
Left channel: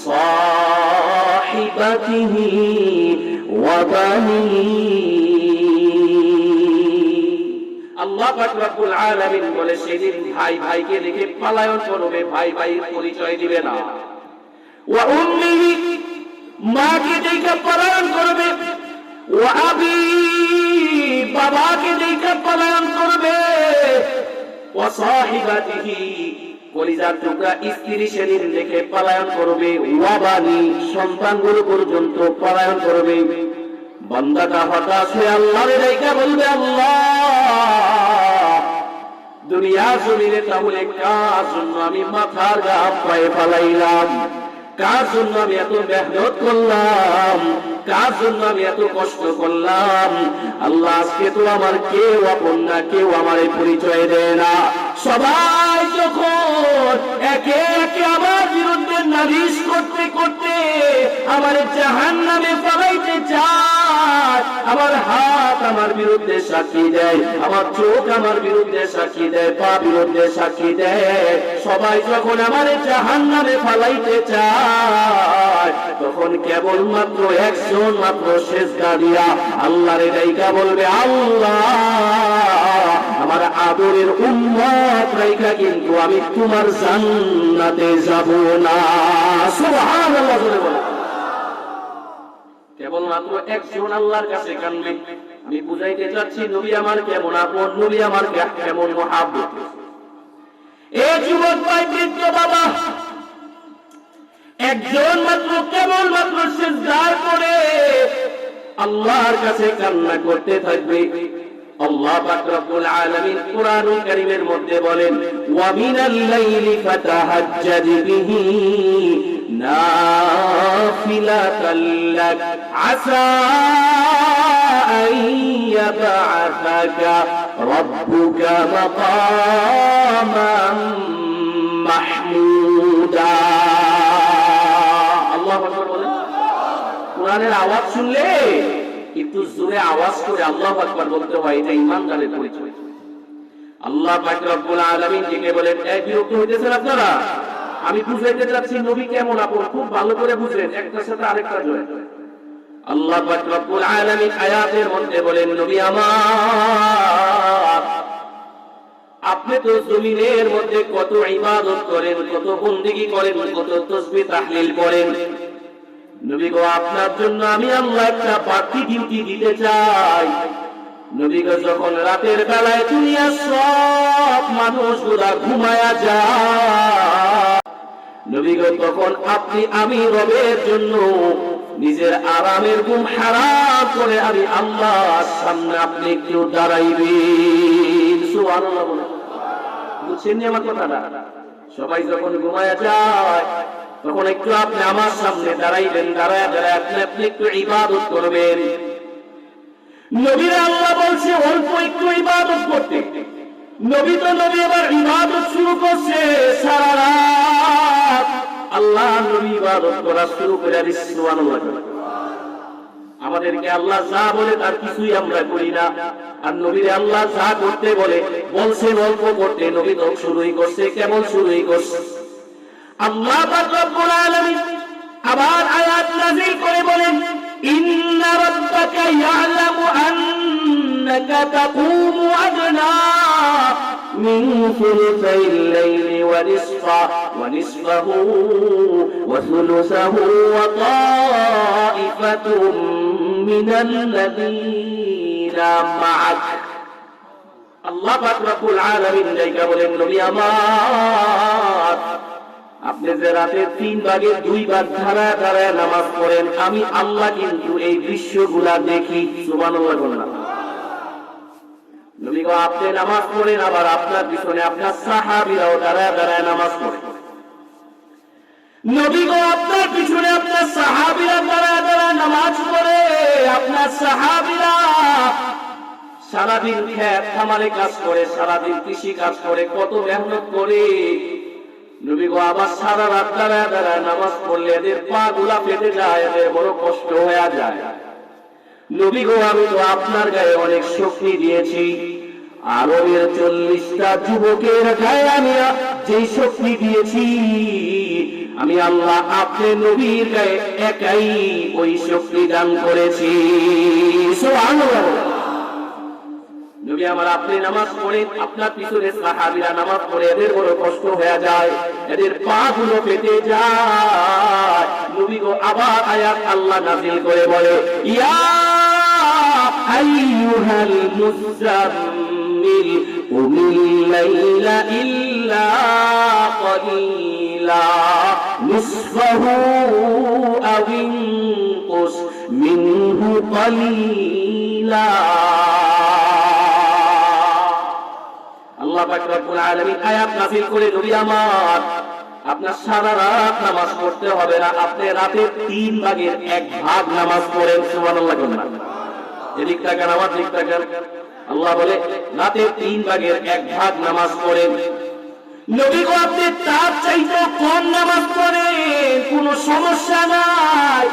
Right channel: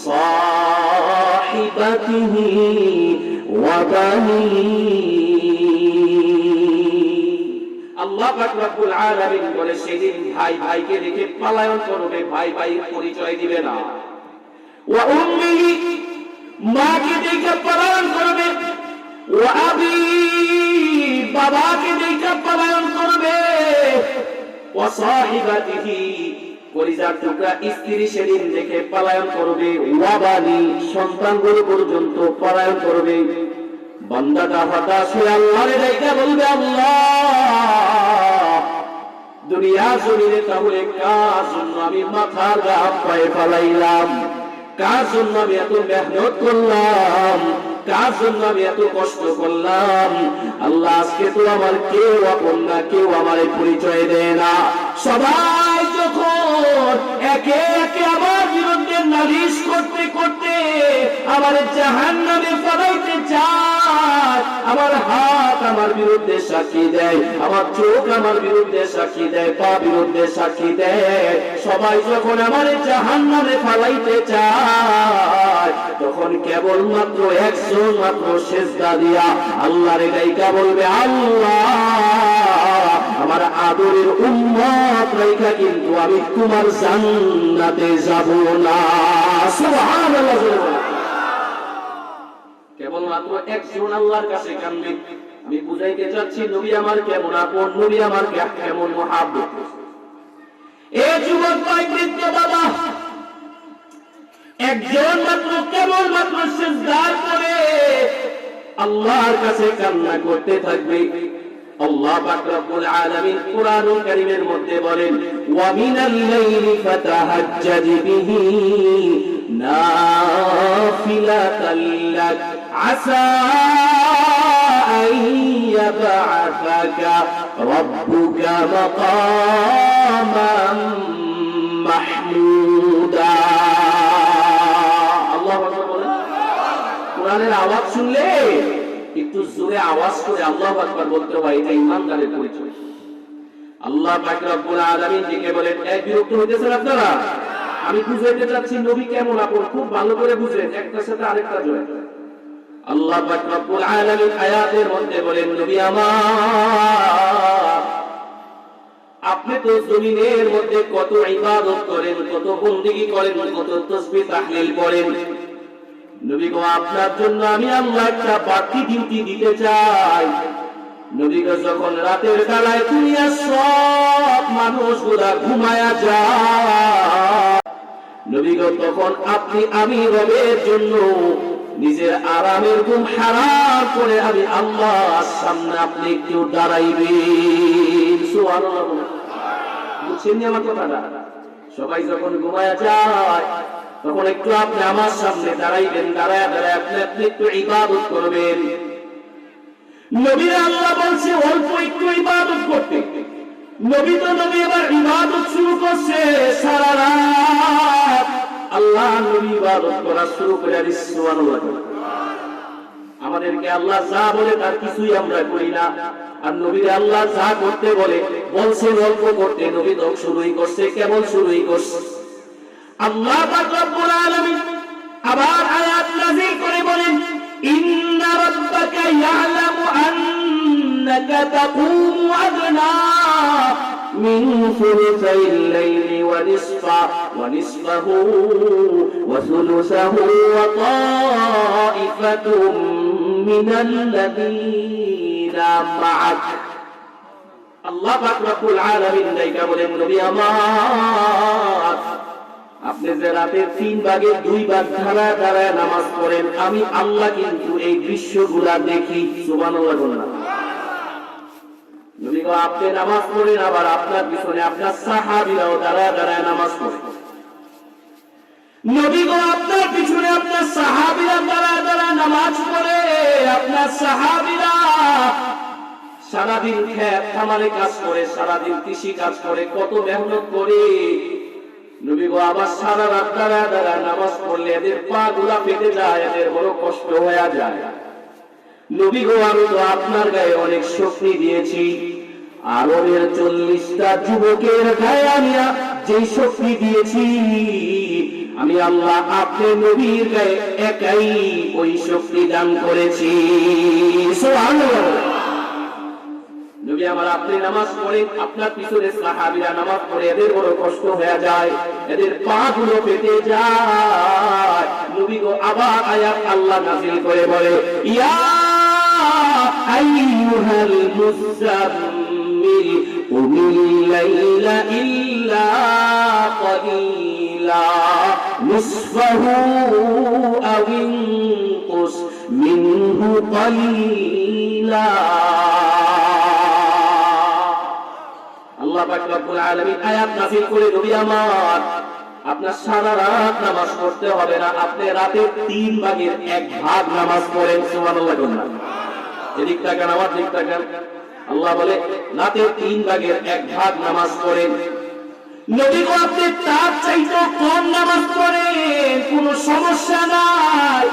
সাহিবাতিহি ওয়া বানিহি। আল্লাহ পাক রব্বুল আলামিন বলে, সেদিন ভাই ভাইকে দেখে পলায়ন করবে, ভাই ভাইয়ের পরিচয় দিবে না। ওয়া উম্মিহি, মাকে দেখে পলায়ন করবে। ওয়া আবি, বাবাকে দেখে পলায়ন করবে। ওয়া সাহিবাতিহি, কলিজার টুকরা স্ত্রী সেদিন দেখে পলায়ন করবে। ওয়া বানি, সন্তানগুলো পর্যন্ত পলায়ন করবে। বান্দাটা হতাশ হয়ে আল্লাহর ডাইকা বলবে, আল্লাহ দুনিয়ার জমিনে তাহলে কার জন্য আমি মাথার ঘাম পায়ে ফেলাইলাম, কার জন্য আমি এত মেহনত করলাম, কার জন্য আমি এত কষ্ট করলাম। আল্লাহ আজকে তো আমার কেউ আপন না, কেউ আমার পরিচয় দেয় না। সবাই যখন একে একে আমার বিরুদ্ধে নালিশ করতে করতে আমার জাহান্নামে ফেলাইতে চায়, আমার হাত আমার বিরুদ্ধে সাক্ষী দেয়, আমার চোখ আমার বিরুদ্ধে সাক্ষী দেয়, পা বিরুদ্ধে সাক্ষী দেয়, সবাই যখন আমার জাহান্নামে ফেলাইতে চায়, তখন কেবলমাত্র একজন মাত্র সেজদা দিয়া আল্লাহর গায়িকা বলবে, আল্লাহ আমার আদরের উম্মত রাইখা কিন্তু আমি তোমার জান্নাতে যাব না। সুবহানাল্লাহ। কেবলমাত্র একজন আল্লাহর কাছে কাঁদবে। আমি বুঝাইতে চাচ্ছি নবী আমার কেমন আপন, নবী আমার কেমন মহাব্বত। এই যুবক ভাই, বৃদ্ধ বাবা, একজন মাত্র কেবলমাত্র সিজদা করে আল্লাহর কাছে কান্না করতে থাকবে। আল্লাহ পাক রব্বুল আলামিন কুরআনুল কারীমের মধ্যে বলেন, ওয়া মিনাল লাইলি ফাতাহাজ্জাদ বিহি নাফিলাতাল লাক আসা আন ইয়াবআসাকা রাব্বুকা মাকামান মাহমুদা। আল্লাহু আকবার বলেন। কোরআনের আওয়াজ শুনলে একটু জোরে আওয়াজ করে আল্লাহু আকবার বলতে হয়, এটা ঈমানদারের পরিচয়। আল্লাহ পাক রব্বুল আলামিন থেকে বলেন, এই বিরক্ত হইতেছেন আপনারা? আমি বুঝাইতে চাচ্ছি নবী কেমন আপন, খুব ভালো করে বুঝেন, একটার সাথে আরেকটা জয়। আল্লাহ পাক রব্বুল আলামিন আয়াতের মধ্যে বলেন, নবী আমার, আপনি তো জমিনের মধ্যে কত ইবাদত করেন, কত বন্দেগী করেন, কত তাসবিহ তাহলিল করেন। নবী গো, আপনার জন্য আমি আল্লাহ একটা বাড়তি ডিউটি দিতে চাই। নবী গো, যখন রাতের বেলায় দুনিয়ার সব মানুষগুলা ঘুমায়া যায়, নবী গো, তখন আপনি আমি রবের জন্য নিজের আরামের ঘুম হারাম করে আমি আল্লাহর সামনে আপনি একটু দাঁড়াইবেন। সুবহানাল্লাহ। বুঝছেন আমার কথাটা? সবাই যখন ঘুমায়া যায় তখন একটু আপনি আমার সামনে দাঁড়াইবেন, দাঁড়ায় দাঁড়ায় আপনি একটু ইবাদত করবেন। নবী আল্লাহ বলছে অল্প একটু ইবাদত করতে। নবী তো নবী এবার ইবাদত শুরু করছে সারা রাত। আল্লাহ নবী ইবাদত করা শুরু করে দিচ্ছে। সুবহানাল্লাহ। আমাদেরকে আল্লাহ যা বলে তার কিছুই আমরা করি না, আর নবীরে আল্লাহ যা করতে বলছে অল্প করতে, নবী তো শুরুই করছে, কেবল শুরুই করছে। আল্লাহ পাক রব্বুল আলামিন আবার আয়াত নাযিল করে বলেন, ইন্না রাব্বাকা ইয়ালামু আন্নাকা তাকুমু আদনা মিন সুলুসাইল লাইলি ওয়া নিসফাহু ওয়া সুলুসাহু ওয়া তাইফাতুম মিনাল্লাযীনা মা'আক। আল্লাহ পাক রব্বুল আলামিন নাইকা বলেন, নবী আমার, আপনি যে রাতের 3 ভাগের 2 ভাগ দাঁড়ায় দাঁড়ায় নামাজ পড়েন, আমি আল্লাহ কিন্তু এই দৃশ্যগুলা দেখি। সুবহানাল্লাহ বলেন। নবী গো, আপনি নামাজ পড়েন, আবার আপনার পিছনে আপনার সাহাবীরাও দাঁড়ায় দাঁড়ায় নামাজ পড়েন। নবী গো, আপনার পিছনে আপনার সাহাবীরা দাঁড়ায় দাঁড়ায় নামাজ পড়ে। আপনার সাহাবীরা সারাদিন খেত খামারে কাজ করে, সারাদিন কৃষি কাজ করে, কত মেহনত করে। নবী গো, আবার সারা রাত দাঁড়ায় দাঁড়ায় নামাজ পড়লে এদের পা গুলা ফেটে যায়, এদের বড় কষ্ট হয়ে যায়। নবী গো, আমি তো আপনার গায়ে অনেক শক্তি দিয়েছি, আরবের 40টা যুবকের গায়ে আমি যে শক্তি দিয়েছি, আমি আল্লাহ আপনি নবীর গায়ে একাই ওই শক্তি দান করেছি। সুবহানাল্লাহ। নবী আমার, আপনি নামাজ পড়েন, আপনার পিছনে সাহাবীরা নামাজ পড়ে, এদের বড় কষ্ট হয়ে যায়, এদের পা গুলো পেটে যায়। নবী গো, আবার আয়াত আল্লাহ নাযিল করে বলে, ইয়া আইয়ুহাল মুযাম্মিল কুমিল লাইলা ইল্লা কালিলা নিসফাহু আও ইনকুস মিনহু কালিলা। আল্লাহ পাক রব্বুল আলামিন আয়াত নাযিল করে, নবী আমার, আপনার সারা রাত নামাজ পড়তে হবে না, আপনি রাতে 3 ভাগের 1 ভাগ নামাজ পড়েন। সুবহানাল্লাহ। এদিক তাকান, আমার দিক তাকান। আল্লাহ বলে রাতে 3 ভাগের 1 ভাগ নামাজ পড়েন। নবী গো আপনি তার চাইতে কম নামাজ পড়েন, কোনো সমস্যা নাই।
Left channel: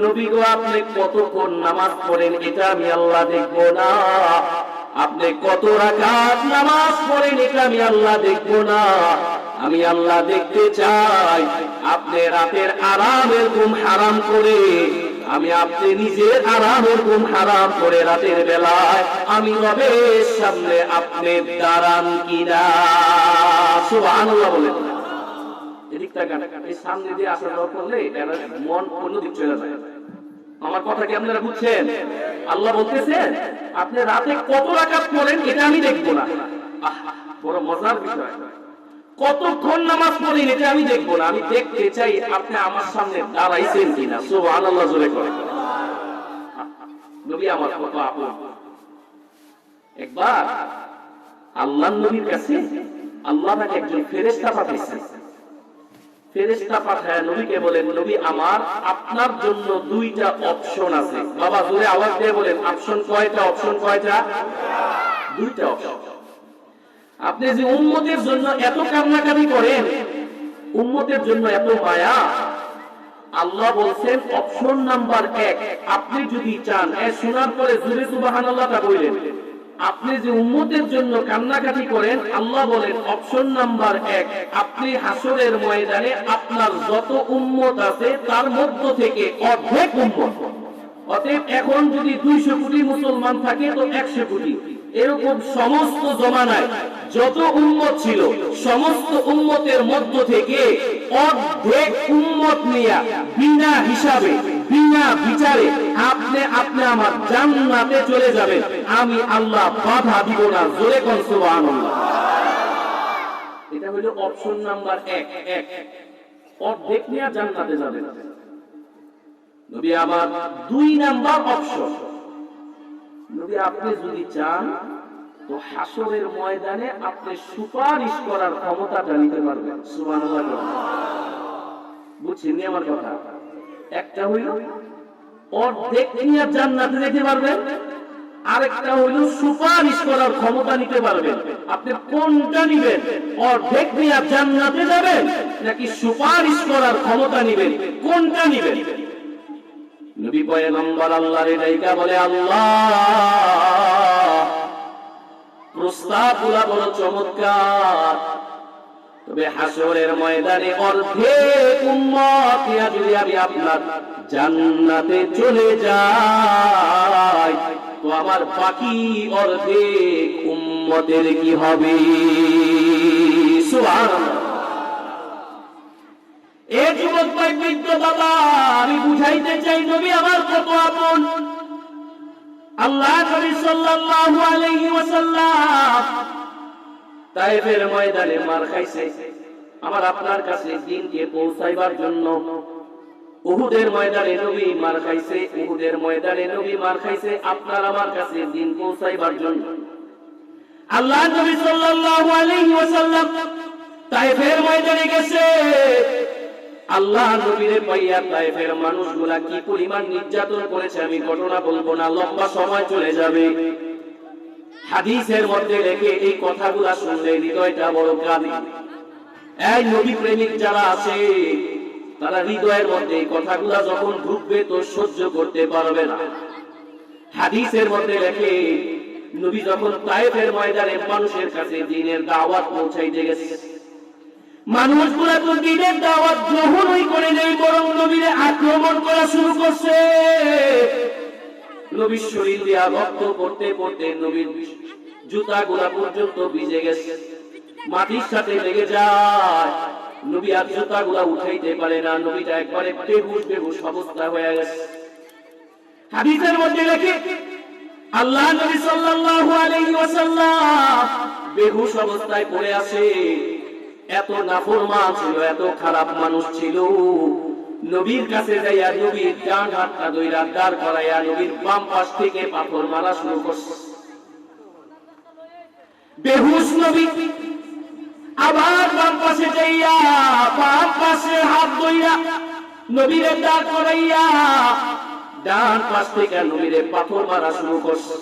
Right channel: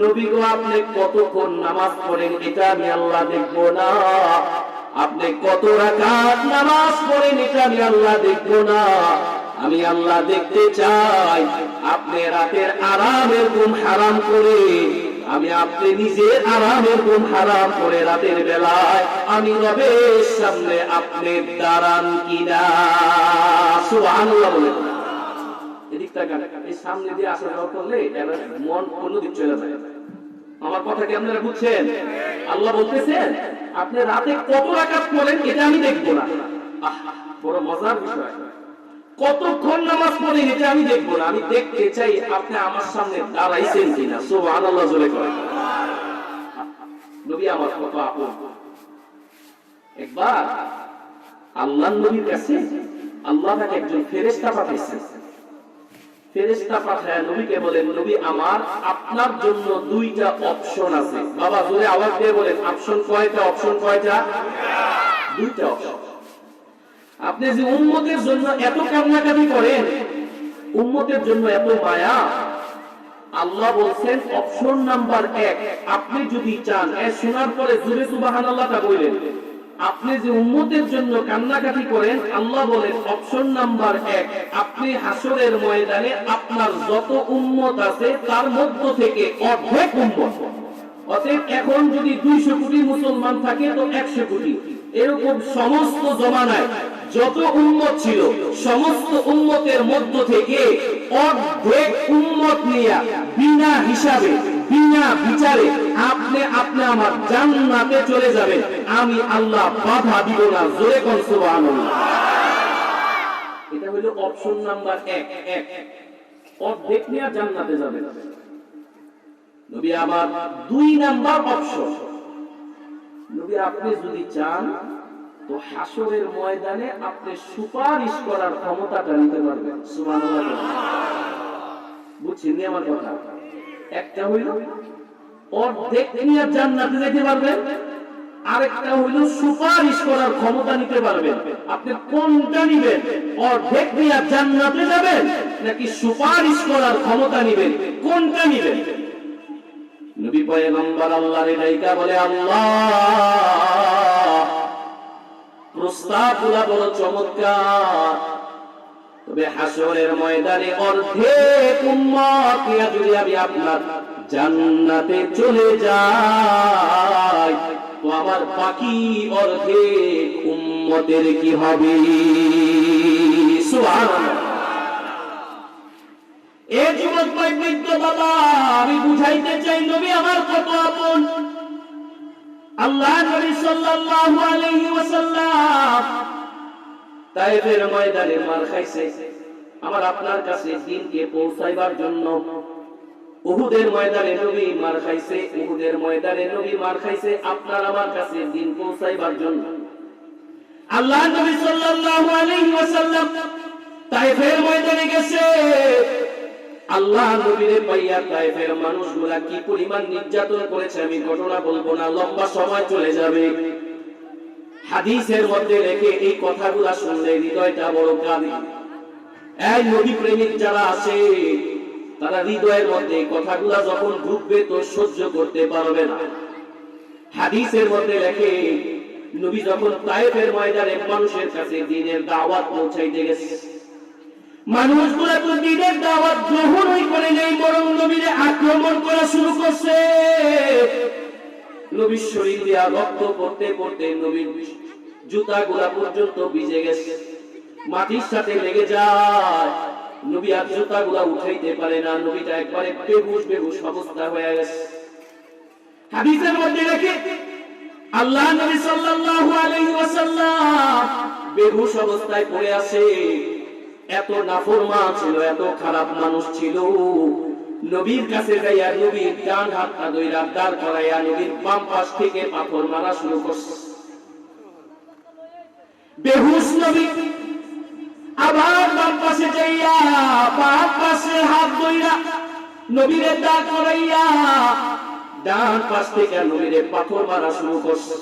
নবী গো আপনি কতক্ষণ নামাজ পড়েন এটা আমি আল্লাহ দেখব না, আপনি কত রাকাত নামাজ পড়েন এটা আমি আল্লাহ দেখব না। আমি আল্লাহ দেখতে চাই আপনি রাতের আরামের ঘুম হারাম করে, আমি আপনি নিজের আরামের ঘুম হারাম করে রাতের বেলায় আমি রবের সামনে আপনি দাঁড়ান কিনা। সুবহানাল্লাহ বলেন। এদিক তাকান, এই সামনে দিয়ে আসা যাওয়া করলে এটা মন অন্যদিক চলে যায়। আমার কথা কি আপনারা বুঝছেন? আল্লাহ বলতেছেন আপনি রাতে কত রাকাত পড়েন এটা আমি দেখব না। বড় মজার বিষয়, কতক্ষণ নামাজ পড়েন এটা আমি দেখব না, আমি দেখতে চাই আপনি আমার সামনে দাঁড়াইছেন কিনা। সুবহানাল্লাহ জোরে করেন। নবী আমার কত আপন। একবার আল্লাহর নবীর কাছে আল্লাহ তাকে একজন ফেরেশতা পাঠিয়েছেন। ফেরেশতা পাঠায় নবীকে বলেন, নবী আমার আপনার জন্য 2টা অপশন আছে। বাবা জোরে আওয়াজ দিয়ে বলেন, অপশন কয়টা? অপশন কয়টা? 2টা অপশন। আপনি যে উম্মতের জন্য এত কান্নাকাটি করেন, উম্মতের জন্য এত মায়া, আল্লাহ বলছেন অপশন নাম্বার 1, আপনি যদি চান, শোনার পরে জোরে সুবহানাল্লাহটা বলেন, আপনি যে উম্মতের জন্য কান্নাকাটি করেন, আল্লাহ বলেন অপশন নাম্বার 1, আপনি হাসরের ময়দানে আপনার যত উম্মত আছে তার মধ্য থেকে অর্ধেক উম্মত, অতএব এখন যদি 200 কোটি মুসলমান থাকে তো 100 কোটি, এরকম সমস্ত জমানায় যত উম্মত ছিল সমস্ত উম্মতের মধ্য থেকে অর্ধেক উম্মত নিয়ে বিনা হিসাবে বিনা বিচারে আপনি আমার জান্নাতে চলে যাবেন, আমি আল্লাহ বাধা দিব না। জোরে কোন সুবহানাল্লাহ। এটা হলো অপশন নাম্বার 1, অর্ধেক নিয়ে জান্নাতে যাবেন। নবী আমার 2 নাম্বার অপশন, নবী আপনি যদি চান তো হাসরের ময়দানে আপনি সুপারিশ করার ক্ষমতাটা নিতে পারবেন। সুবহানাল্লাহ। বুঝছেন নি আমার কথা? একটা হইল অর্ধেক নিয়ে জান্নাতে যেতে পারবেন, আরেকটা হইল সুপারিশ করার ক্ষমতা নিতে পারবেন। আপনি কোনটা নেবেন? অর্ধেক নিয়ে জান্নাতে যাবেন নাকি সুপারিশ করার ক্ষমতা নেবেন? কোনটা নেবেন? নবী পয়গম্বর আল্লাহর নাইকা বলে, আল্লাহ প্রস্তাবগুলো বড় চমৎকার, তবে হাসরের ময়দানে অর্ধেক উম্মত নিয়ে যদি আমি আপনার জান্নাতে চলে যাই তো আমার বাকি অর্ধেক উম্মতের কি হবে? সুবহানাল্লাহ। এই যুবক ভাই, বৃদ্ধ বাবা, আমি বুঝাইতে চাই নবী আমার কত আপন। আল্লাহ নবী সাল্লাল্লাহু আলাইহি ওয়াসাল্লাম তায়েফের ময়দানে মার খাইছে আমার আপনার কাছে দ্বীনকে পৌঁছাইবার জন্য। উহুদের ময়দানে নবী মার খাইছে, উহুদের ময়দানে নবী মার খাইছে আপনার আমার কাছে দ্বীন পৌঁছাইবার জন্য। আল্লাহ নবী সাল্লাল্লাহু আলাইহি ওয়াসাল্লাম তায়েফের ময়দানে গেছে। আল্লাহ নবীরে পাইয়া তায়েফের মানুষগুলা কি পরিমাণ নির্যাতন করেছে আমি ঘটনা বলবো না, লম্বা সময় চলে যাবে। হাদিসের মধ্যে রেখে এই কথাগুলা শুনলে হৃদয়টা বড় কাঁদে। এই নবী প্রেমিক যারা আছে তারা হৃদয়ের মধ্যে এই কথাগুলা যখন ঢুকবে তো সহ্য করতে পারবে না। হাদিসের মধ্যে রেখে নবী যখন তায়েফের ময়দানে মানুষের কাছে দ্বীনের দাওয়াত পৌঁছাইতে গেছে, মানুষগুলা তো দ্বীনের দাওয়াত গ্রহণই করে নেই, বরং নবীর আক্রমণ করা শুরু করছে। নবীর শরীর দিয়া রক্ত পড়তে পড়তে নবীর জুতাগুলা পর্যন্ত ভিজে গেছে, মাটির সাথে লেগে যায়। নবী আর জুতাগুলা উঠাইতে পারে না, নবীটা একবারে বেহুশ অবস্থা হয়ে গেছে। হাদিসের মধ্যে রেখে আল্লাহ নবী সাল্লাল্লাহু আলাইহি ওয়াসাল্লাম বেহুশ অবস্থায় পড়ে আছে। এত নাফরমান ছিল, এত খারাপ মানুষ ছিল। নবীর কাছে যাইয়া নবীর ডান হাতটা ধইরা দাঁড় করাইয়া নবীর বাম পাশ থেকে পাথর মারা শুরু করছে। বেহুশ নবী আবার বাম পাশে যাইয়া বাম পাশে হাত ধইরা নবীরে দাঁড় করাইয়া ডান পাশ থেকে নবীরে পাথর মারা শুরু করছে।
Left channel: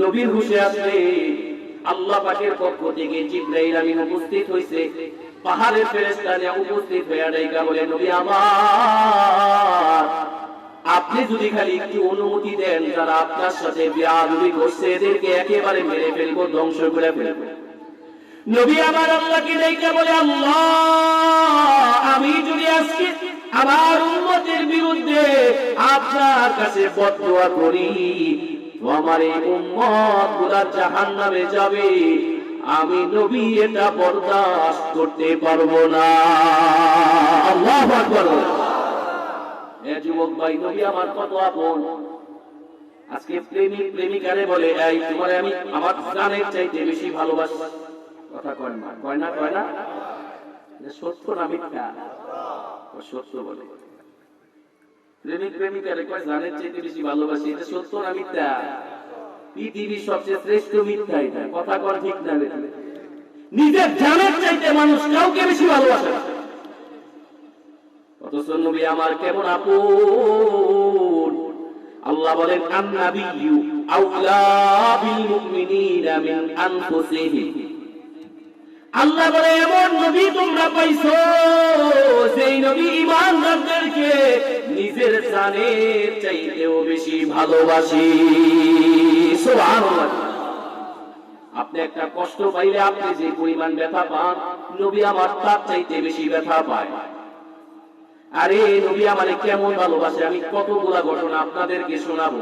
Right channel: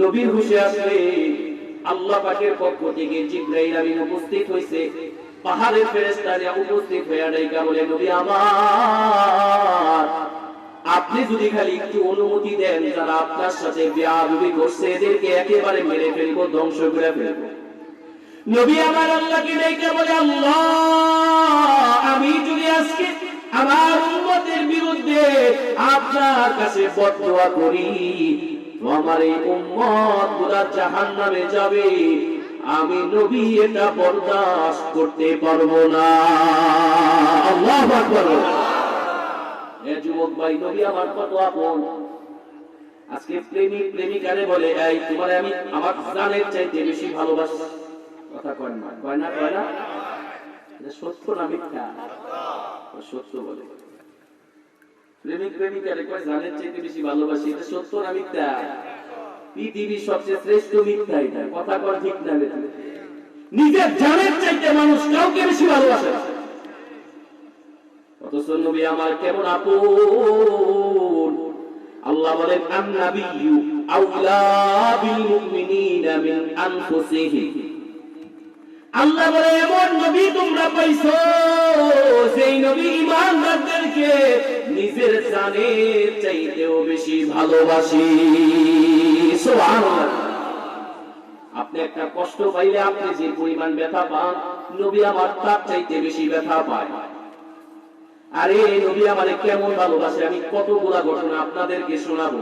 নবীর হুশে আসলে আল্লাহ পাকের পক্ষ থেকে জিবরাইল আমিন উপস্থিত হইছে। পাহাড়ের ফেরেশতারা উপস্থিত হইয়া ডাইকা বলে, নবী আমার, আপনি যদি খালি একটু অনুমতি দেন, যারা আপনার সাথে বেয়াদবি করছে এদেরকে একেবারে মেরে ফেলবো, ধ্বংস করে ফেলবো। নবী আমার আল্লাহকে ডাইকা বলে, আল্লাহ, আমি যদি আজকে আমার উম্মতের বিরুদ্ধে আপনার কাছে বদদুয়া করি তো আমার এই উম্মত গুলা জাহান্নামে যাবে, আমি নবী এটা বরদাস্ত করতে পারবো না। আল্লাহু আকবার। এ যুবক ভাই, নবী আমার কত আপন। আজকে প্রেমিক প্রেমিকারে বলে, এই তোমারে আমি আমার জানের চাইতে বেশি ভালোবাসি। কথা কয় না, কয় না, কয় না? এটা সত্য না মিথ্যা? সত্য বলে। প্রেমিক প্রেমিকারে কয় জানের চাইতে বেশি ভালোবাসি, এটা সত্য না মিথ্যা? পৃথিবীর সবচেয়ে শ্রেষ্ঠ মিথ্যা এটা। কথা কর ঠিক না? নিজের জানের চাইতে মানুষ কাউকে বেশি ভালোবাসে। অথচ নবী আমার কেমন আপন। আল্লাহ বলেন, আন-নাবিয়্যু আওলা বিল মুমিনিনা মিন আনফুসিহিম। আল্লাহ বলে, এমন নবী তোমরা পাইছো সেই নবী ঈমানদারদেরকে নিজের জানের চাইতেও বেশি ভালোবাসি। সুবহানাল্লাহ। আপনি একটা কষ্ট পাইলে আপনি যে পরিমাণ ব্যথা পান, নবী আমার তার চাইতে বেশি ব্যথা পায়। আরে নবী আমারে কেমন ভালোবাসে, আমি কতগুলা ঘটনা আপনাদেরকে শোনাবো।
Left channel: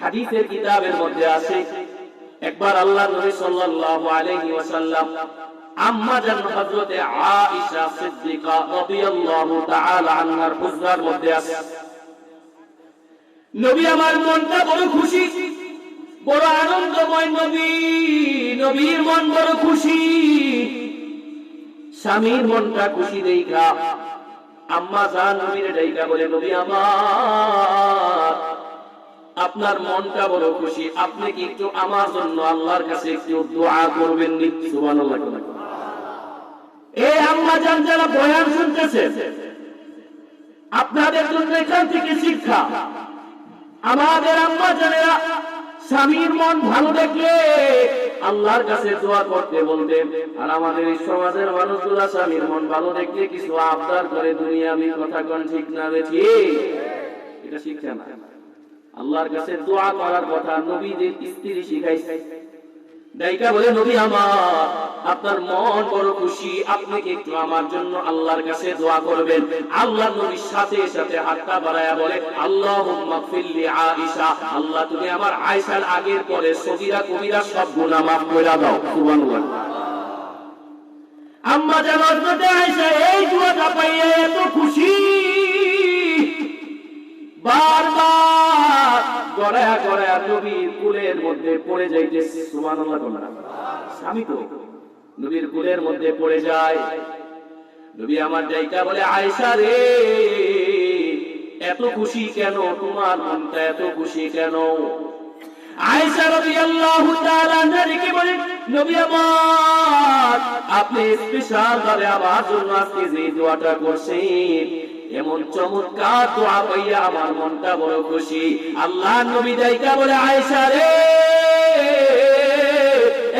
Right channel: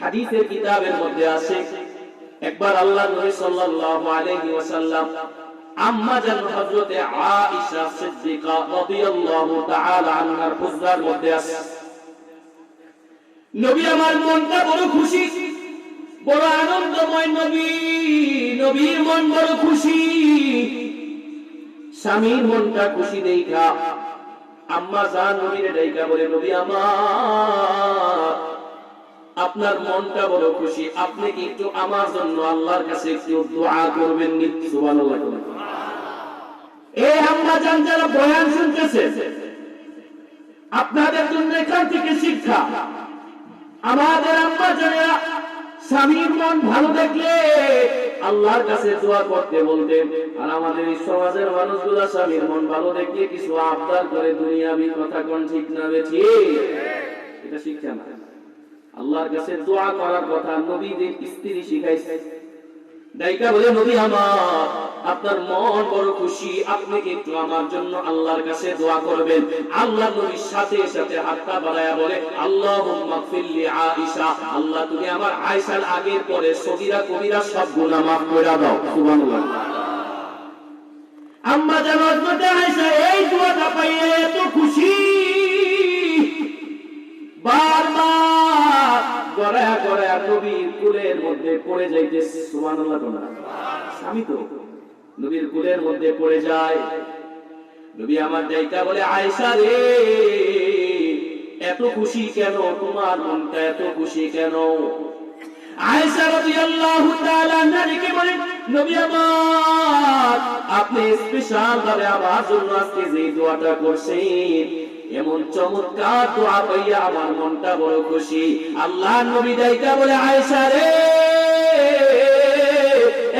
হাদিসের কিতাবের মধ্যে আছে, একবার আল্লাহ নবী সাল্লাল্লাহু আলাইহি ওয়াসাল্লাম আম্মা জান হযরতে আয়েশা সিদ্দিকা রাদিয়াল্লাহু তাআলা আনহার হুজরার মধ্যে আছে। নবী আমার মনটা বড় খুশি, বড় আনন্দময়। নবীর মন বড় খুশি। স্বামীর মনটা খুশি দেখা আম্মা জান নবীরে ডাইকা বলে, নবী আমার, আপনার মনটা বড় খুশি, আপনি কি একটু আমার জন্য আল্লাহর কাছে একটু দোয়া করবেন? সুবহানাল্লাহ। এই আম্মা জান যারা বয়ান শুনতেছে, আপনাদের জন্য এখান থেকে শিক্ষা। আমাদের আম্মা জানেরা স্বামীর মন ভালো দেখলে আল্লাহর কাছে দোয়া করতে বলতেন। আর আমাদের এই সমাজের মানুষগুলা স্বামীর মন ভালো দেখলে কিছু আবদার করে, দুনিয়াবি কথা কোন ঠিক না? ঠিক, এটা শিক্ষা না। আল্লাহর কাছে দোয়া করার কথা নবীদের স্ত্রী শিখাইছে। ডাইকা বলে, নবী আমার, আপনার মন বড় খুশি, আপনি কি একটু আমার জন্য আল্লাহর কাছে দোয়া করবেন? আল্লাহ নবীর সাথে সাথে হাতটা বাড়ায়া বলে, আল্লাহুম্মা গফিরলি আয়েশা, আল্লাহ তুমি আমার আয়েশার আগের পরে সগীরা কবিরা সব গুনাহ মাফ করে দাও। সুবহানাল্লাহ। আম্মা জান হযরত আয়েশা এই দোয়াটা পাইয়ে এত খুশি, বারবার গড়ায়া গড়ায়া নবীর কুলের মধ্যে পড়ে যাইতেছে। সুবহানাল্লাহ। স্বামী তো নবীর কুলের মধ্যে পড়ে যায়। নবী আমার ডাইকা বলে, আয়েশা রে, এত খুশি কেন? তোমার মনটা এত খুশি কেন? আয়েশা রাদিয়াল্লাহু তাআলা আনহাকে বলে, নবী আমার, আপনি স্পেশাল ভাবে আমার জন্য আজকে যে দোয়াটা করছেন, এমন চমৎকার দোয়া পাইয়া আমার মনটা বড় খুশি। আল্লাহ নবী ডাইকা বলে, আয়েশা রে,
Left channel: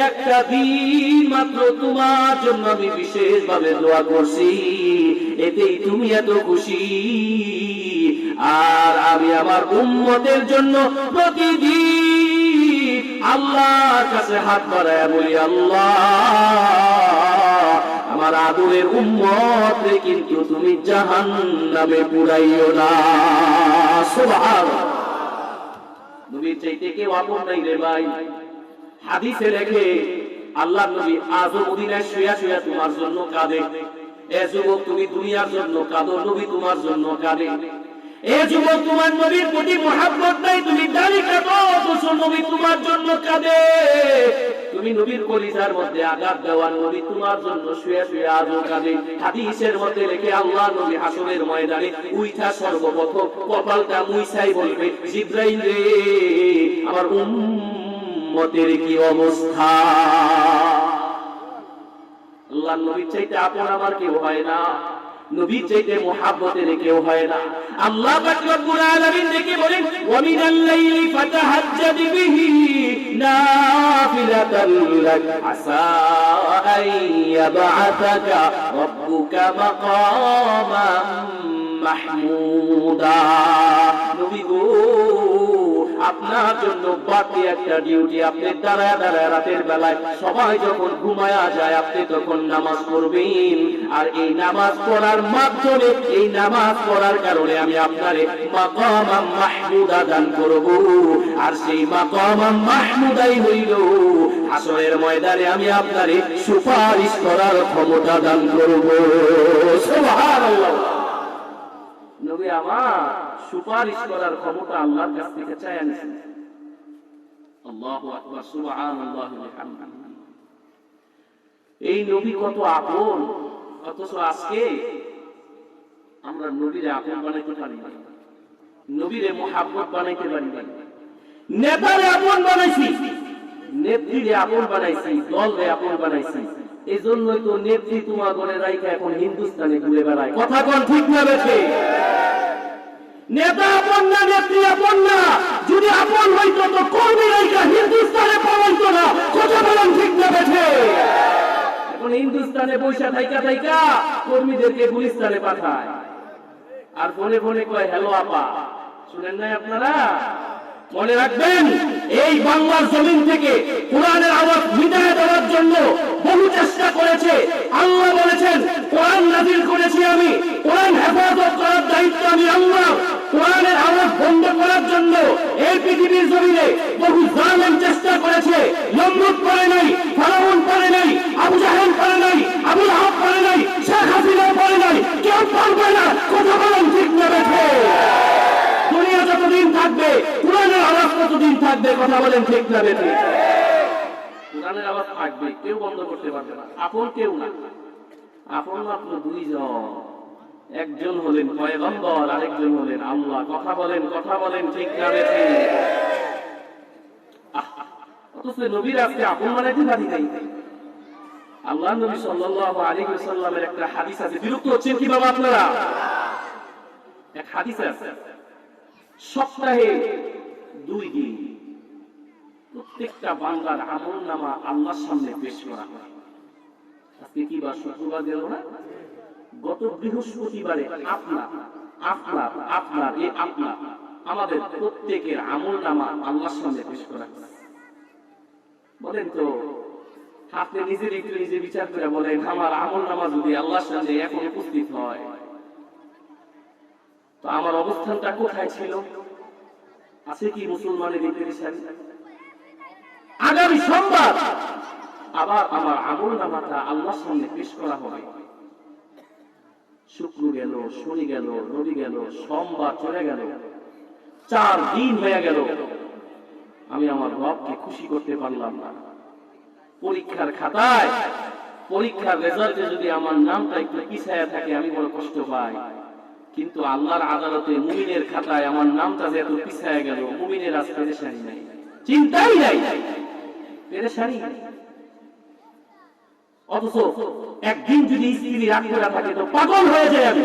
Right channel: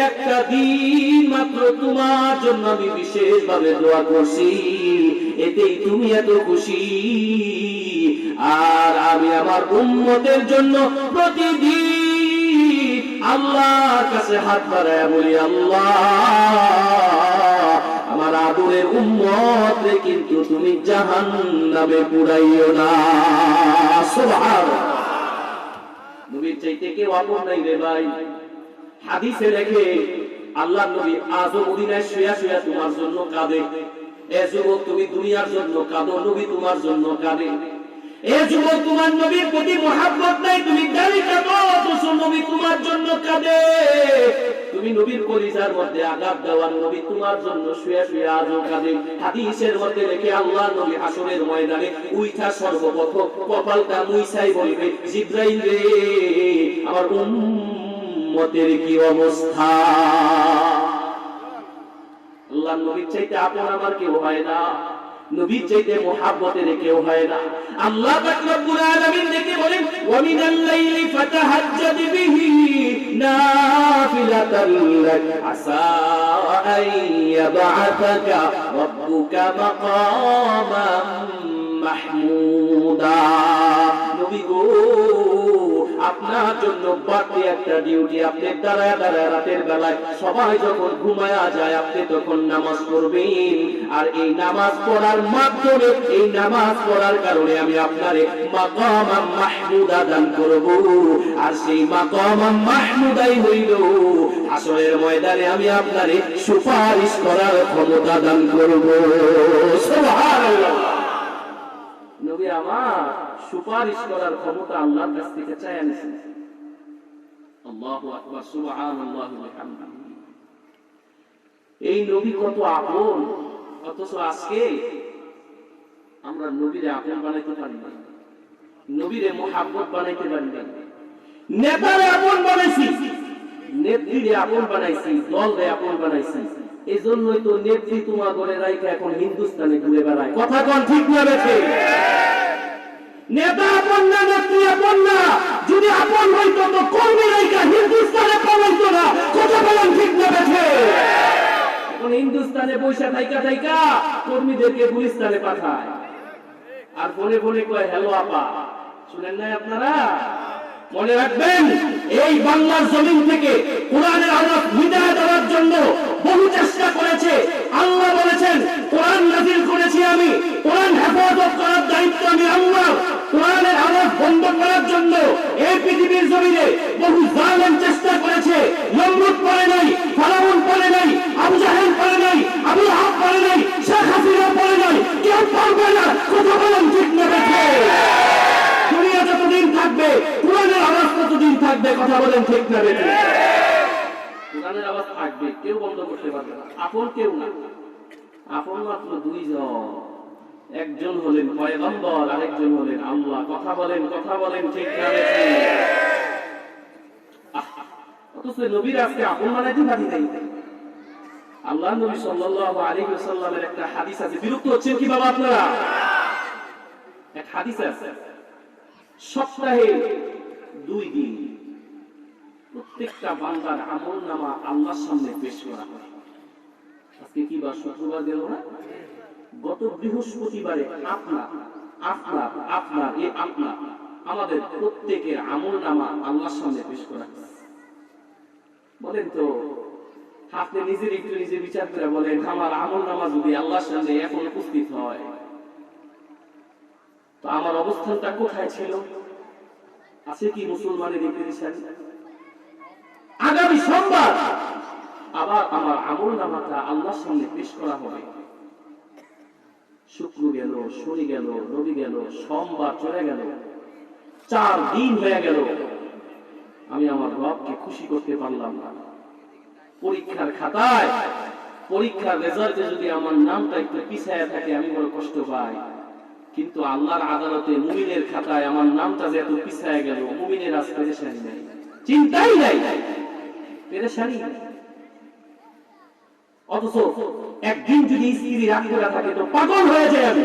একটা দিন মাত্র তোমার জন্য আমি বিশেষ ভাবে দোয়া করছি, এতেই তুমি এত খুশি। আর আমি আমার উম্মতের জন্য প্রতিদিন আল্লাহর কাছে হাত বাড়ায় বলি, আল্লাহ, আমার আদরের উম্মত রে কিন্তু তুমি জাহান্নামে পুরাইও না। সুবহানাল্লাহ। নবীর চাইতে কেউ আপন নাই রে ভাই। হাদিসে লেখে, আল্লাহর নবী আজও মদিনায় শুয়া শুয়া তোমার জন্য কাঁদে। এ যুবক, তুমি দুনিয়ার জন্য কাঁদো, নবী তোমার জন্য কাঁদে। এ যুবক, তোমার নবীর প্রতি মহব্বত নাই, তুমি দাঁড়ি কাঁদো, অথচ নবী তোমার জন্য কাঁদে। তুমি নবীর কলিজার মধ্যে আঘাত দেওয়ার, নবী তোমার জন্য শুয়া শুয়া আজও কাঁদে। হাদিসের মধ্যে লেখে, আল্লাহ নবী হাসরের ময়দানে উইঠা সর্বপ্রথম কপালটা মুইছাই বলবে, জিবরাইল রে, আমার উম্মতের কি অবস্থা? আল্লাহর নবীর চাইতে আপন আমার কেউ হয় না, নবীর চাইতে মুহাব্বতের কেউ হয় না। আল্লাহ পাক রব্বুল আলামিন দেখে বলেন, ওয়া মিনাল লাইলি ফাতাহাজ্জাদ বিহি নাফিলাতান লাক আসা আন ইয়াবআতাকা রাব্বুকা মাকামান মাহমুদা। নবী গো, আপনার জন্য বাড়তি একটা ডিউটি, আপনি দাঁড়ায় দাঁড়ায় রাতের বেলায় সবাই যখন ঘুমায়া যায় আপনি তখন নামাজ পড়বেন, আর এই নামাজ পড়ার মাধ্যমে, এই নামাজ পড়ার কারণে আমি আপনারে মাকাম মাহমুদা দান করব, আর সেই মাকাম মাহমুদাই হইল হাসরের ময়দানে আমি আপনারে সুপারিশ করার ক্ষমতা দান করব। সুবহানাল্লাহ। নবী আমার সুপারিশ করার ক্ষমতা আল্লাহর কাছ থেকে চাই আনেছেন। আল্লাহু আকবার, সুবহানাল্লাহ ওয়া বিহামদিহি। এই নবী কত আপন, অথচ আজকে আমরা নবীরে আপন বানাইতে পারি না, নবীরে মুহাব্বত বানাইতে পারি না। নেতারে আপন বানাইছি, নেত্রীরে আপন বানাইছি, দলরে আপন বানাইছি। এই জন্যই তো নেত্রী তোমার ঘরে রাইখা এখন হিন্দুস্তানে ঘুরে বেড়ায়। কথা কোন ঠিক না বেঠে? নেতা আপন না, নেত্রী আপন না। যদি আপন হইতো তো কর্মী রাইখা হিন্দুস্তানে পালাইতো না। কথা বলেন ঠিক না বেঠে? এখন হিন্দুস্তানে পয়সা থাইকা থাইকা কর্মীদেরকে গুলিস্তানে পাঠায়, আর ফোনে ফোনে কয় হ্যালো আপা। শুনেন নাই আপনারা? মনে রাখবেন, এই বাংলার জমিন থেকে কোরআনের আওয়াজ মিটায় দেওয়ার জন্য বহু চেষ্টা করেছে। আল্লাহ বলেছেন, কোরআন নাযিল করেছি আমি, কোরআন হেফাজত করার দায়িত্ব আমি আল্লাহ। কোরআনের আওয়াজ বন্ধ করার জন্য এই পৃথিবীর জমিনে বহু জালেম চেষ্টা করেছে। নমরুদ পারে নাই, ফিরআউন পারে নাই, আবু জাহেল পারে নাই, আবু লাহাব পারে নাই, শেখ হাসিনা পারে নাই, কেউ পারবে না। কথা বলেন ঠিক না বেঠে? দুনিয়া যতদিন থাকবে কোরআনের আওয়াজ কতদিন থাকবে? কথা বলেন ঠিক না বেঠে? কোরআনের আওয়াজ থাকবে, কেউ বন্ধ করতে পারবে না। আপন কেউ না, আপন মাত্র দুইজন। একজন হলেন পয়গম্বর, আরেকজন হলেন আল্লাহ। কথা বলেন, কথা বলেন ঠিক না বেঠে? অথচ নবীর আজকে আপন বানাইতে পারি নাই। আল্লাহ নবী সাল্লাল্লাহু আলাইহি ওয়াসাল্লামের একটা হাদিস আছে। বিরক্ত হচ্ছেন কি বাবা আপনারা? এক হাদিস আছে, সপ্তাহে 2 দিন প্রত্যেকটা বান্দার আমলনামা আল্লাহর সামনে পেশ করা হয়। আজকে কি বার? শুক্রবার গেল না? গত বৃহস্পতিবারে আপনার আমাদের প্রত্যেকের আমলনামা আল্লাহর সামনে পেশ করা হয়। বলেন তো, আপনি নিজের একটু নিজে বিচার করে বলেন, আমার আমলনামা যদি আল্লাহর সামনে এখন উপস্থিত হয় তো আমার অবস্থানটা কোথায় ছিল? আছে কি মুসলমানের এই পেরেশানি? আগামী সোমবার আবার আমার আমলনামাটা আল্লাহর সামনে পেশ করা হবে। শুক্র গেল, শনি গেল, রবি গেল, সোমবার চলে গেল, 4 দিন হয়ে গেল, আমি আমার রবকে খুশি করতে পারলাম না। পরীক্ষার খাতায়, পরীক্ষার রেজাল্টে যদি আমার নামটা একটু পিছায়া থাকে আমি বড় কষ্ট পাই, কিন্তু আল্লাহর আদালতে মুমিনের খাতায় আমার নামটা যে এত পিছায়া গেল, মুমিনের আজ পেরেশানি নাই, চিন্তাই নাই, পেরেশানি নাই। অথচ একদিন যদি স্ত্রী রাগ করে থাকে তো পাগল হয়ে যায় আমি,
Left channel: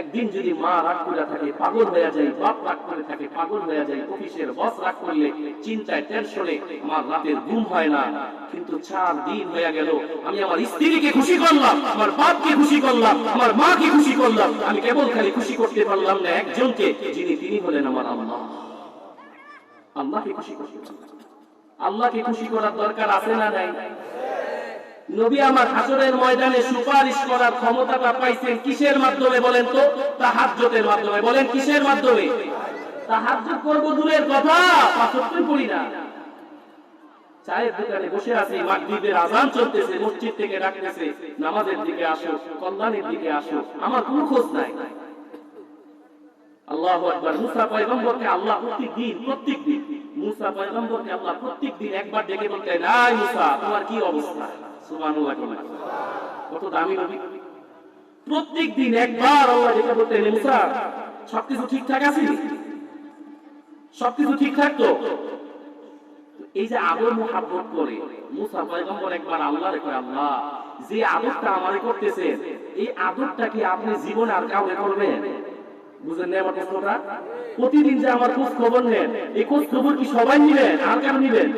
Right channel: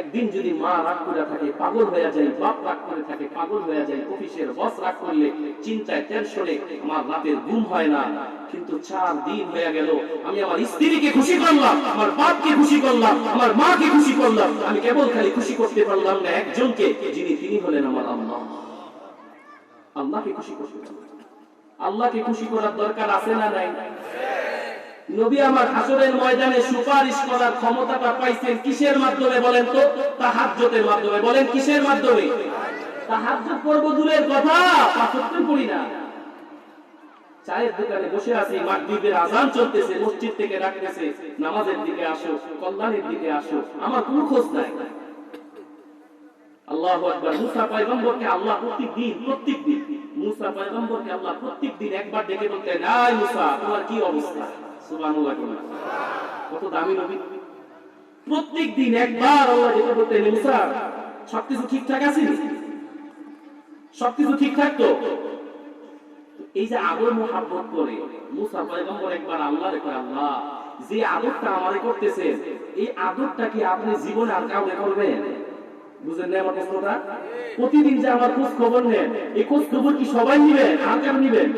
একদিন যদি মা রাগ করে থাকে পাগল হয়ে যায়, বাপ রাগ করে থাকে পাগল হয়ে যায়, অফিসের বস রাগ করলে চিন্তায় টেনশনে আমার রাতের ঘুম হয় না। কিন্তু 4 দিন হয়ে গেল আমি আমার স্ত্রীকে খুশি করলাম, আমার বাপকে খুশি করলাম, আমার মাকে খুশি করলাম। আমি কেবল খালি খুশি করতে পারলাম না একজনকে, তিনি হলেন আমার আল্লাহ। আল্লাহকে খুশি করতে পারলাম। আল্লাহকে খুশি করার দরকার আছে না নাই? নবী আমার হাসরের ময়দানে সুপারিশ করার ক্ষমতাটা পাইছেন কিসের মাধ্যমে বলেন তো? তাহাজ্জুদের মাধ্যমে। বলেন কিসের মাধ্যমে? তাহাজ্জুদ করব দূরের কথা, 5 ওয়াক্ত পড়ি না। চায়ের দোকানে বসে আছি, মাগরিবের আযান চলতেছে, মসজিদ থেকে ডাকতেছে নামাজের দিকে আসো, কল্যাণের দিকে আসো, আমার কোনো খোঁজ নাই। আল্লাহু আকবার। মুসা পয়গম্বরকে আল্লাহ প্রত্যেকদিন মুসা পয়গম্বরকে আল্লাহ প্রত্যেকদিন একবার ডেকে বলতেন, আয় মুসা তোমার কি অবস্থা? সুবহানাল্লাহ। কত দামি নবী। প্রত্যেকদিন একবার আল্লাহ ডেকে বলতেন, মুসা সবকিছু ঠিকঠাক আছে? সবকিছু ঠিকঠাক তো? এই যে আদর মুহাব্বত করে মুসা পয়গম্বর একবার আল্লাহর কয়, আল্লাহ যে আদরটা আমারে করতেছেন, এই আদরটা কি আপনি জীবনে আর কাউকে করবেন? বুঝেন না আমার প্রশ্নটা? প্রতিদিন যে আমার খোঁজ খবর নেন, এই খোঁজ খবর কি সবাই নিবেন আর কেন নিবেন?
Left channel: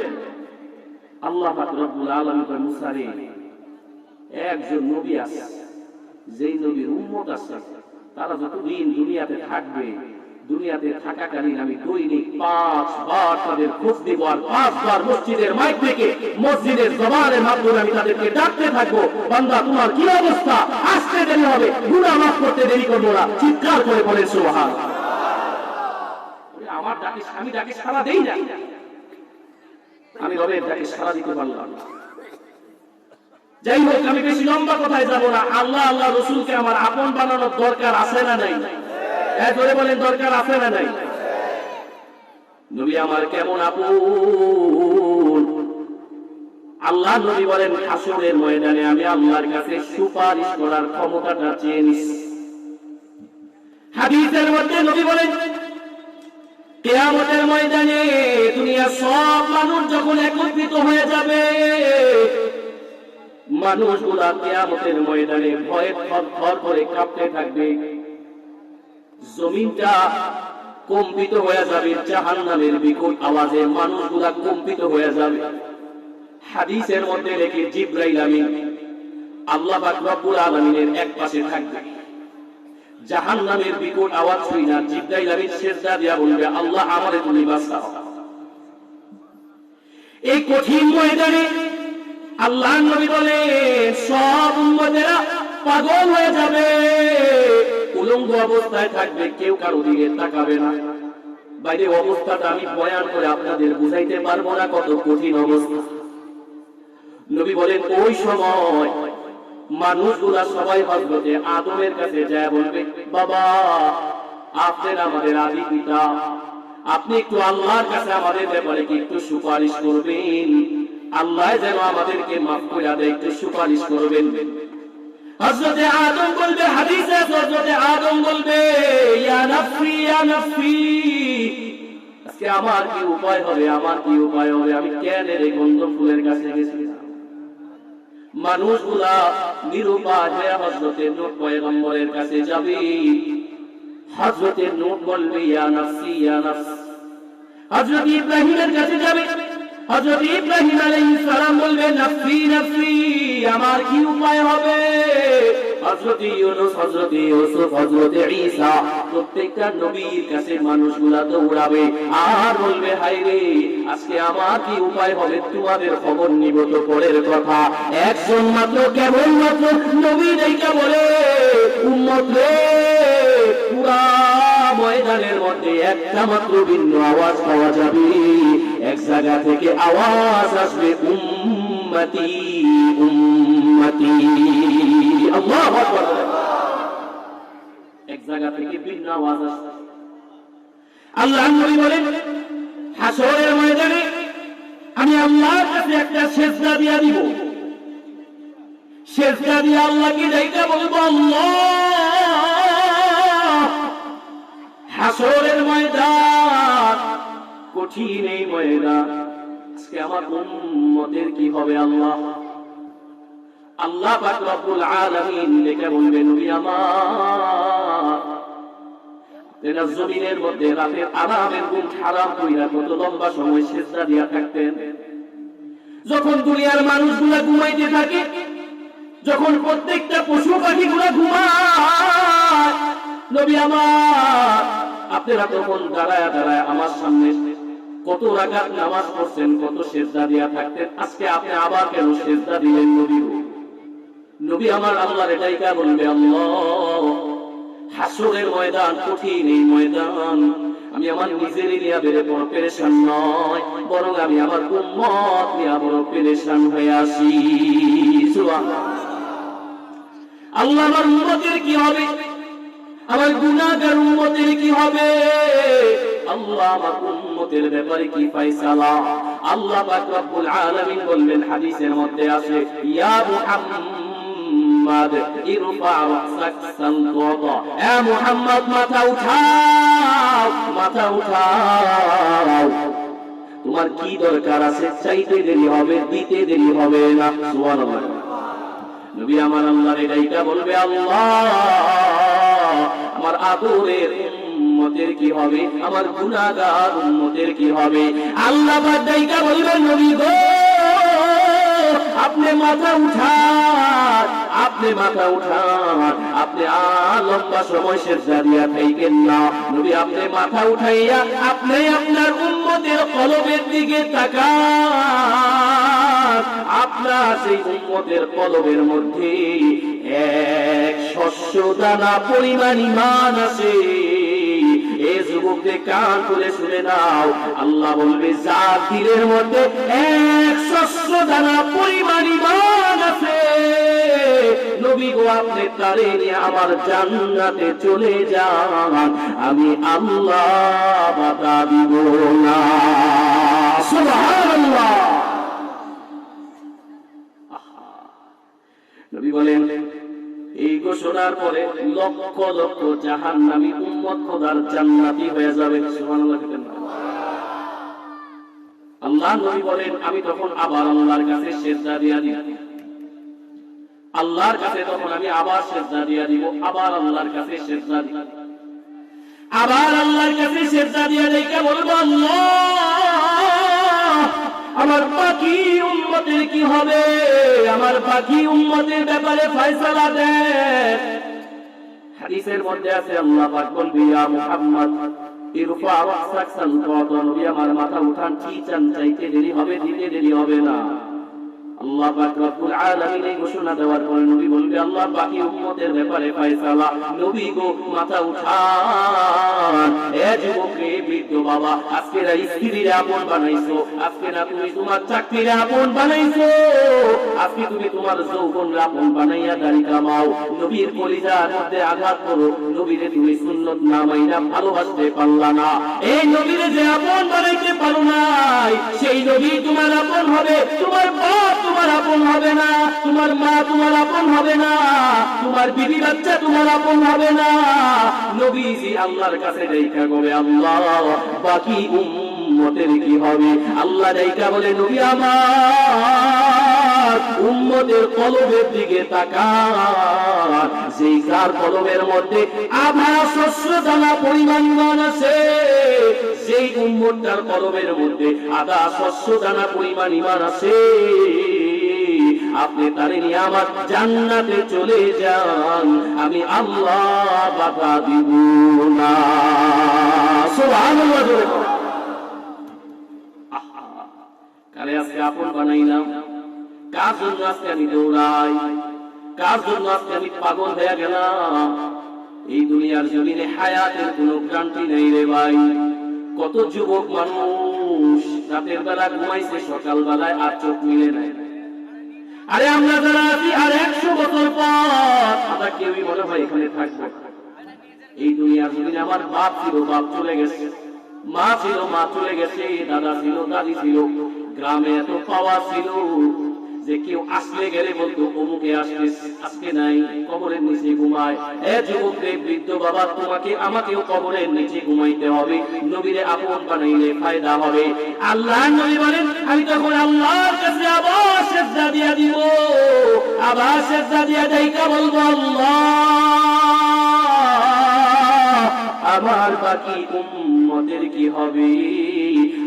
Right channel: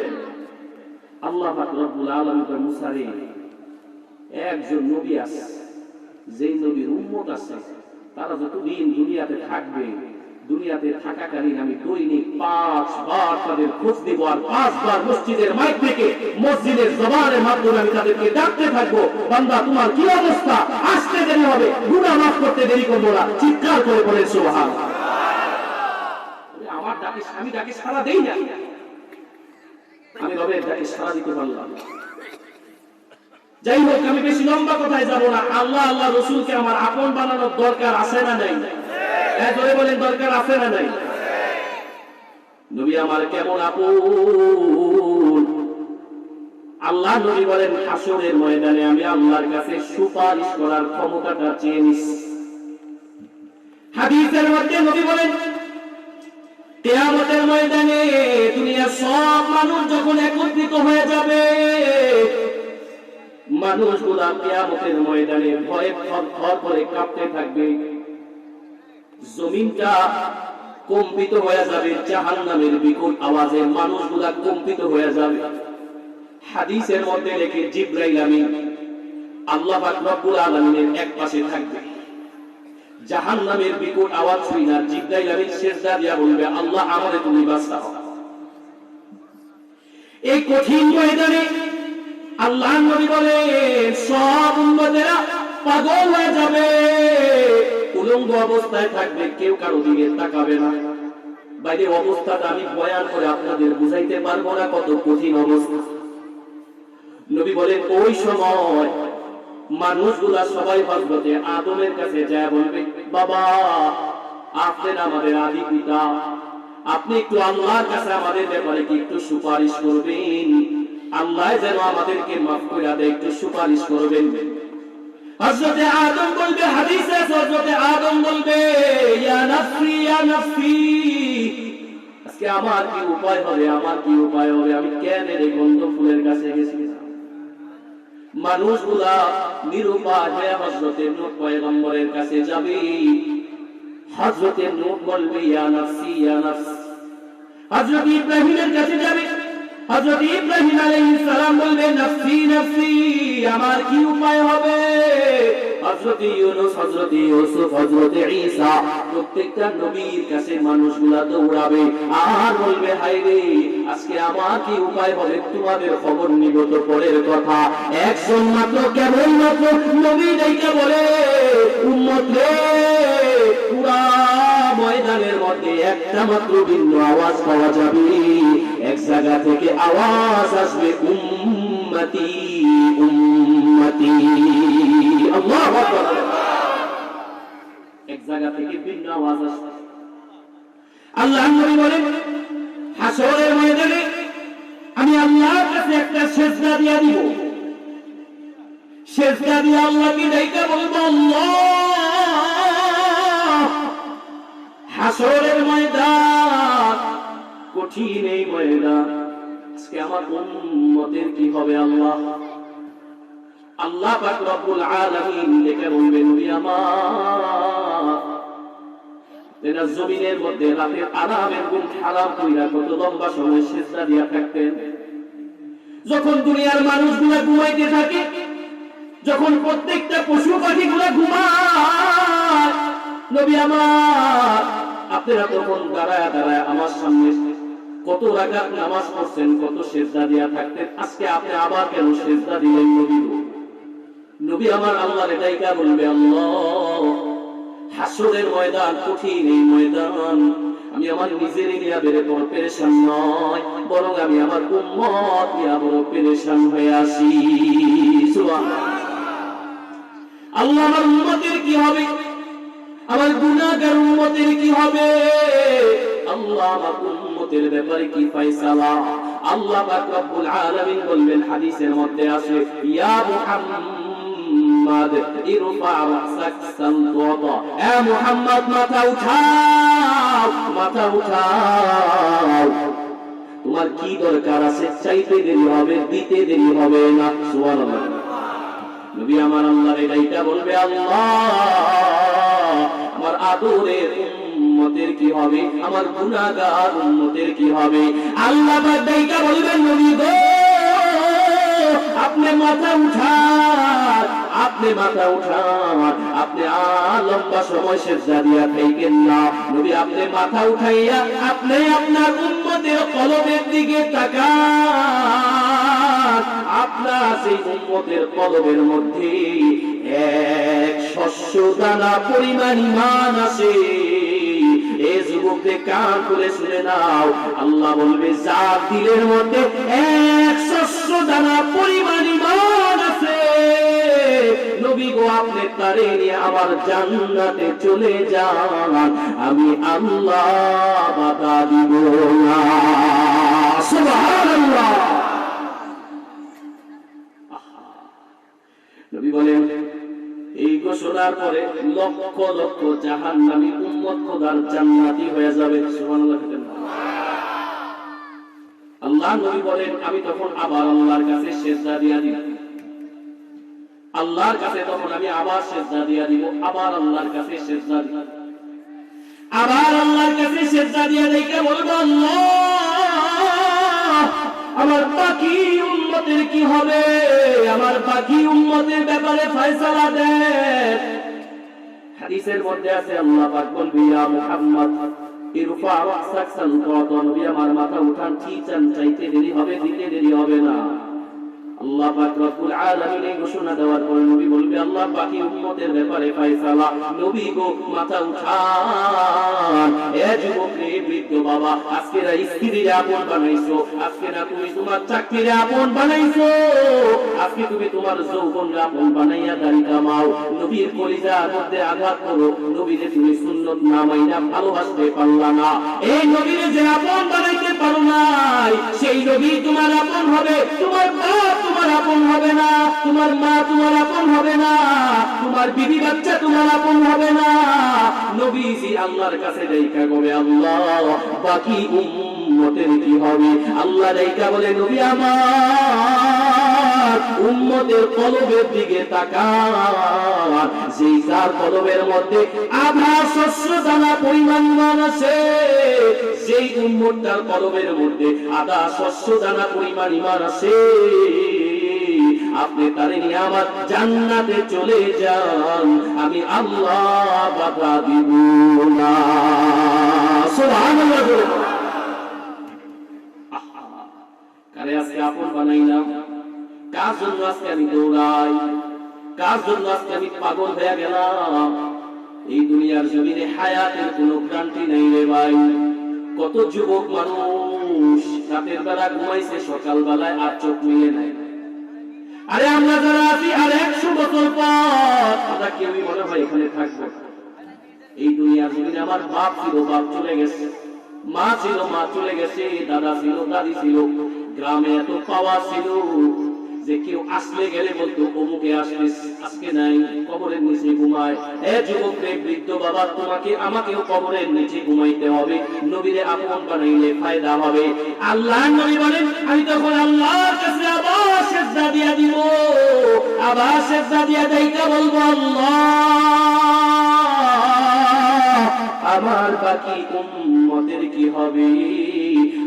আল্লাহ পাক রব্বুল আলামিন মুসারে একজন নবী আছে, যেই নবীর উম্মত আছে, তারা যতদিন দুনিয়াতে থাকবে, দুনিয়াতে থাকাকালীন আমি দৈনিক 5 বার তাদের খোঁজ দিব, আর 5 বার মসজিদের মাইক থেকে, মসজিদের জবানের মাধ্যমে আমি তাদেরকে ডাকতে থাকবো, বান্দা তোমার কি অবস্থা, আসতে দেরি হবে, গুনাহ মাফ করতে দেরি করবো না, চিৎকার করে বলেন সুবহানাল্লাহ। আমার ডাকে, আমি ডাকে সাড়া দেই না, আমি রবের ডাকে সাড়া দিতে পারলাম। যাই হোক, আমি বেশি লম্বা কথায় যাব না। আল্লাহ আল্লাহ রসুলকে আমার আপন বানানোর দরকার আছে না নাই? ধরে বলেন, দরকার আছে না নাই? নবী আমার কেমন আপন! আল্লাহ নবী বলেন, হাসরের ময়দানে আমি আল্লাহর কাছে সুপারিশ করার ক্ষমতাটা চেয়ে নিছি। হাদিসের মধ্যে নবী বলেন, কিয়ামতের ময়দানে দুনিয়ার সব মানুষ যখন একত্রিত হয়ে যাবে, মানুষগুলা কিয়ামতের ময়দানে ভয়ে থরথর করে কাঁপতে থাকবে, জমিনটা কম্পিত হয়ে যাবে, জাহান্নামের বিকট আওয়াজে মানুষগুলা কম্পিত হয়ে যাবে। হাদিসের মধ্যে দেখে জিবরাইল আমিন আল্লাহ পাক রব্বুল আলামিনের এক পাশে থাকবে, জাহান্নামের বিকট আওয়াজ শুনে জিবরাইল আমিন সিজদা দিয়া বলবে, আল্লাহ আমারে তুমি বাঁচাও। এই কঠিন ময়দানে আল্লাহ নবী বলেন, সব উম্মতেরা পাগল হয়ে যাবে, উলঙ্গ অবস্থায় থাকবে, কেউ কারো দিকে তাকাবে না। বাইরে অবস্থাটা আমি বয়ান করে আপনাদের বুঝাইতে পারবো না, কত কঠিন অবস্থা। নবী বলেন, ওই সময় মানুষগুলা সবাই হযরতে আদমের কাছে যায় বলবে, বাবা আপনি আমাদের আদি পিতা, আপনি একটু আল্লাহর কাছে আমাদের ব্যাপারে কি একটু সুপারিশ করবেন, আল্লাহ যেন আমাদেরকে মাফ করে দেয়, একটু সুপারিশ করবেন। হযরতে আদম বলবে, হাদিসে হযরতে আদম বলবে, ইয়া নাফসি ইয়া নাফসি, আজকে আমার কি উপায় হবে, আমার কি উপায় হবে, আমি কেন এই গন্ধ ফুলের কাছে গেছি। মানুষগুলা নিরুপায় হয়ে হযরতে নূহ পয়গম্বরের কাছে যাবে। হযরতে নূহ বলবে, ইয়া নাফসি ইয়া নাফস। হযরত ইব্রাহিমের কাছে যাবে, হযরত ইব্রাহিম আলাইহিস সালাম বলবে, নাফসি নাফসি, আমার কি উপায় হবে। হযরত ইউনূস, হযরত ইউসুফ, হযরত ঈসা, প্রত্যেকটা নবীর কাছে মানুষগুলা দৌড়াবে আর বলবে, হায় রে আজকে আমার কি উপায় হবে, তোমাদের খবর নিব তো পরের কথা। একজন মাত্র, কেবল মাত্র নবী ডাইকা বলে, উম্মত রে, পুরা ময়দানের মধ্যে একটা মাত্র ভিন্ন আওয়াজ পাওয়া যাবে, এক জায়গা থেকে আওয়াজ আসবে, উম্মতি উম্মতি। আল্লাহু আকবার। এক জায়গা থেকে ভিন্ন আওয়াজ আসবে। আল্লাহ নবী বলেন, হাসরের ময়দানে আমি আল্লাহর কাছে একটা সিজদা দিয়া দিব, সিজদা দিয়ে আল্লাহকে ডাইকা বলবো, আল্লাহ। হাসরের ময়দান কঠিন, এই ময়দান আজকে আমার উম্মতের কি হবে আল্লাহ। আল্লাহ পাক রব্বুল আলামিন ডেকে বলবেন, নবী আমার, তেনা জমিনের মধ্যে রাতের আরামের ঘুম হারাম কইরা কত লম্বা সময় সিজদা দিয়া থাকতেন। যখন দুনিয়ার মানুষগুলা ঘুমাইতে থাকে, যখন প্রত্যেকটা পশু পাখিগুলা ঘুমায়, নবী আমার আপনারা তখন দাঁড়ায় দাঁড়ায় আমার সামনে কত রাকাত নামাজ পড়ছেন, কত সিজদা দিয়া থাকতেন, আজকে আপনি আবার কেন সিজদা দিলেন নবী? নবী আমার আল্লাহর ডাইকা বলবে, আল্লাহ হাসরের ময়দান কঠিন, এই ময়দান আমি আমার নিজেরই নিয়ে বেড়ে বড় পেরেশান নয়, বরং আমি আমার উম্মত নিয়ে বড় পেরেশান হয়ে আসি। সুবহানাল্লাহ। আল্লাহ আমার উম্মতের কি হবে, আমার গুনাহগার উম্মতের কি হবে, আল্লাহ আমার উম্মতের ব্যাপারে কি ফয়সালা। আল্লাহ পাক রব্বুল আলামিন বলবেন, হাদিসের মধ্যে আছে, ইয়া মুহাম্মদ ইরফা রাসাক সালতাতা, এ মুহাম্মদ মাথা উঠাও, মাথা উঠাও, তোমার কি দরকার আছে, চাইতে দেরি হবে, দিতে দেরি হবে না। সুবহানাল্লাহ। নবী আমার আল্লাহর এইটা বলবে, আল্লাহ আমার আদরের উম্মতের কি হবে, আমার গুনাহগার উম্মতের কি হবে? আল্লাহ পাক এইটা বলবেন, নবী গো আপনি মাথা উঠান, আপনি মাথা উঠান, আপনি লম্বা সময় সেজদা দিয়া থাকেন না। নবী আপনি মাথা উঠাইয়া আপনি আপনার উম্মতের কলবের দিকে তাকান। আপনার সেই উম্মতের কলবের মধ্যে এক শস্য দানা পরিমাণ ঈমান আছে। এই যুবকদের কান খুলে শুনে নাও, আল্লাহ বলবে যার দিলের মধ্যে এক শস্য দানা পরিমাণ ঈমান আছে, নবী গো আপনি তারে নিয়ে আমার জান্নাতে চলে যান, আমি আল্লাহ বাধা দিব না। সুবহানাল্লাহ। নবী বলেন এই ঘোষণার পরে লক্ষ লক্ষ জাহান্নামী উম্মত খোদার জান্নাতি হয়ে যাবে। সুবহানাল্লাহ। আল্লাহ নবী বলেন আমি তখন আবার আল্লাহর কাছে সিজদা দিয়া দিব, আল্লাহর কাছে তখন আমি আবার সিজদা দিয়া দিব, আবার আল্লাহর কাছে সিজদা দিব, আবার আল্লাহর কাছে সিজদা দিয়া দেখে বলবো আল্লাহ আমার বাকি উম্মতের কি হবে, আমার বাকি উম্মতের ব্যাপারে ফয়সালা দেন। হাদিসের মধ্যে আছে আল্লাহ পাক বলবে ইয়া মুহাম্মদ ইরফা রাসাক সালফাত, নবী আমার মাথা উঠান, কি চান চাইতে দেরি হবে, দিতে দেরি হবে না। আল্লাহ পাক রব্বুল আলামিন এই ঘোষণা দেওয়ার পরে নবী বলবে আল্লাহ বাকি উম্মতের ব্যাপারে ফয়সালা। নবী গো মাথা উঠান। এ যুবক রে, বৃদ্ধ বাবা, আজকে না স্ত্রীর আপন বানাইছো, আজকে না তুমি তোমার চাকরির আপন বানাইছো, আজকে তুমি তোমার যৌবনের আপন বানাইয়া দাড়ি কামাও, নবীর কলিজার মধ্যে আঘাত করো, নবীরে তুমি সুন্নত না মাইনা ভালোবাসতে পারলা না। এই নবীরে যে আপন বানাইতে পারো নাই, সেই নবী তোমার আপন হবে, তোমার বাপ তোমার আপন হবে না, তোমার মা তোমার আপন হবে না, তোমার বিবি বাচ্চা তোমার আপন হবে না। নবীজি আল্লাহর কাছে দেখা কবে আল্লাহ বাকি উম্মতের কি হবে? আল্লাহ দেখা বলে নবী আমার উম্মতের কলবের দিকে তাকান, যেই যার কলবের মধ্যে আধা শস্য দানা পরিমাণ ঈমান আছে, যেই উম্মতটার কলবের মধ্যে আধা শস্য দানা পরিমাণ ঈমান আছে, আপনি তারে নিয়ে আমার জান্নাতে চলে যান, আমি আল্লাহ বাধা দিব না। সুবহানাল্লাহ। কারে আজকে আপন বানাইলাম, কার জন্য আজকে আমি দৌড়াই, কার জন্য আজকে আমি পাগল হয়ে গেলাম? এই দুনিয়ার জমিনে হায়াতের কোনো গ্যারান্টি নেই রে ভাই। কত যুবক মানুষ রাতের বেলা ঘুমাইছে, সকাল বেলায় আর চোখ মিলে নাই। আরে আমরা যারা আছি আর 100 বছর পর আমরা কেউই মনে হয় এখানে থাকবো। এই দুনিয়ার জমিনে আমার বাপ ছিল, বাপ চলে গেছে, মা ছিল, মা চলে গেছে, দাদা ছিল, দাদি ছিল, গ্রামে এত পাওয়ার ছিল যে কেউ আসলে গেলে বলতো অমুকে আসলে, আজকে নাই, কবরের নিচে ঘুমায়। এ যুবক রে, বৃদ্ধ বাবা, তোমাকে আমাকেও কবরের নিচে ঘুমাইতে হবে, নবীরে আপন বানাইলে ফায়দা হবে। আল্লাহ নবী বলেন আমি তখন আল্লাহর কাছে আবার সিজদা দিয়া দিব, আবার সিজদা দিয়া দেইকা বলবো আল্লাহ আমার বাকি উম্মতের কি হবে,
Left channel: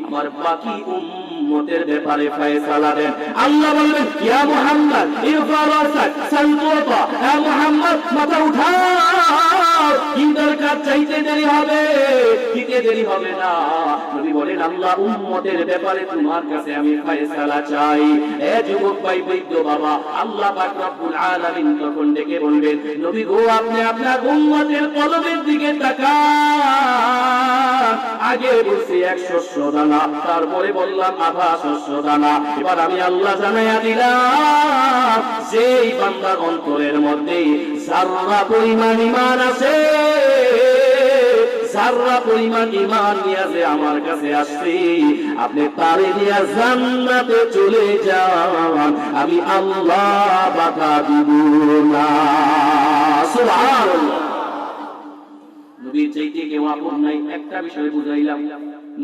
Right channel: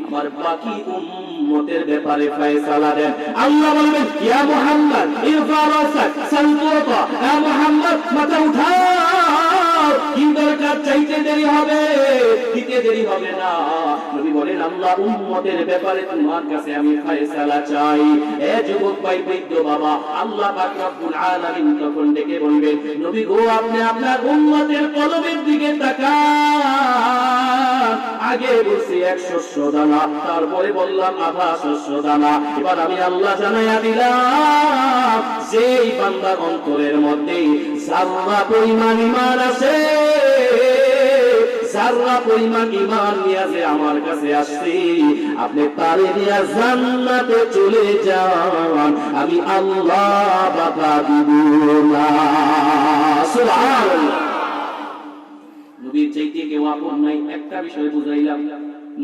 আমার বাকি উম্মতের ব্যাপারে ফয়সালা দেন। আল্লাহ বলবেন ইয়া মুহাম্মদ ইরফা রাসাক সালফাত, ইয়া মুহাম্মদ মাথা উঠাও, কি দরকার চাইতে দেরি হবে, দিতে দেরি হবে না। নবী বলেন আল্লাহ উম্মতের ব্যাপারে তোমার কাছে আমি ফয়সালা চাই। এ যুবক ভাই, বৃদ্ধ বাবা, আল্লাহ পাক রব্বুল আলামিন তখন ডেকে বলবেন নবী গো আপনি আপনার উম্মতের কলবের দিকে তাকান। আগে বলছি 100 দানা, তারপরে বললাম আধা শস্য দানা। এবার আমি আল্লাহ জানাইয়া দিলাম যেই বান্দার অন্তরের মধ্যে যারা পরিমাণ ঈমান আছে, যারা পরিমাণ ঈমান নিয়ে যে আমার কাছে আসছে, আপনি তারে নিয়ে জান্নাতে চলে যান, আমি আল্লাহ বাধা দিব না। সুবহানাল্লাহ। নবীর চাইতে কেউ আপন নাই, একটা বিষয় বুঝাইলাম,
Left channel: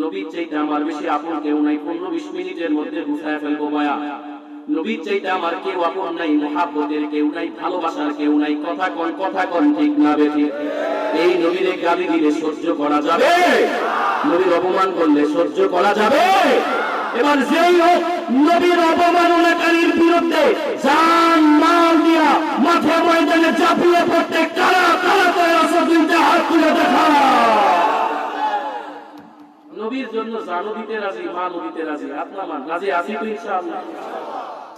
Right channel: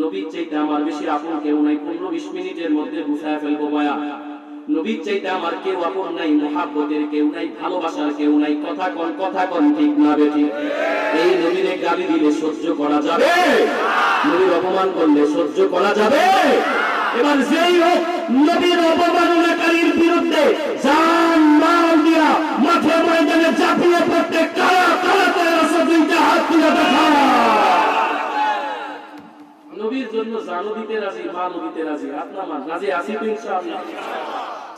নবীর চাইতে আমার বেশি আপন কেউ নাই। 15-20 মিনিটের মধ্যে বুঝায় ফেলবো বয়া। নবীর চাইতে আমার কেউ আপন নাই, মুহাব্বতের কেউ নাই, ভালোবাসার কেউ নাই। কথা কোন ঠিক না বেঠিক? এই নবীরে গালি দিলে সহ্য করা যাবে? নবীর অপমান করলে সহ্য করা যাবে? এবার যেই হোক নবীর অবমাননাকারীর বিরুদ্ধে জান মাল দিয়া মাঠে ময়দানে ঝাঁপিয়ে পড়তে কারা কারা তৈরি আছে? দুইটা হাত তুলে দেখা। নবীর জন্য জানও দিতে রাজি, মালও দিতে রাজি। আপনার রাজি আছি তো ইনশাআল্লাহ?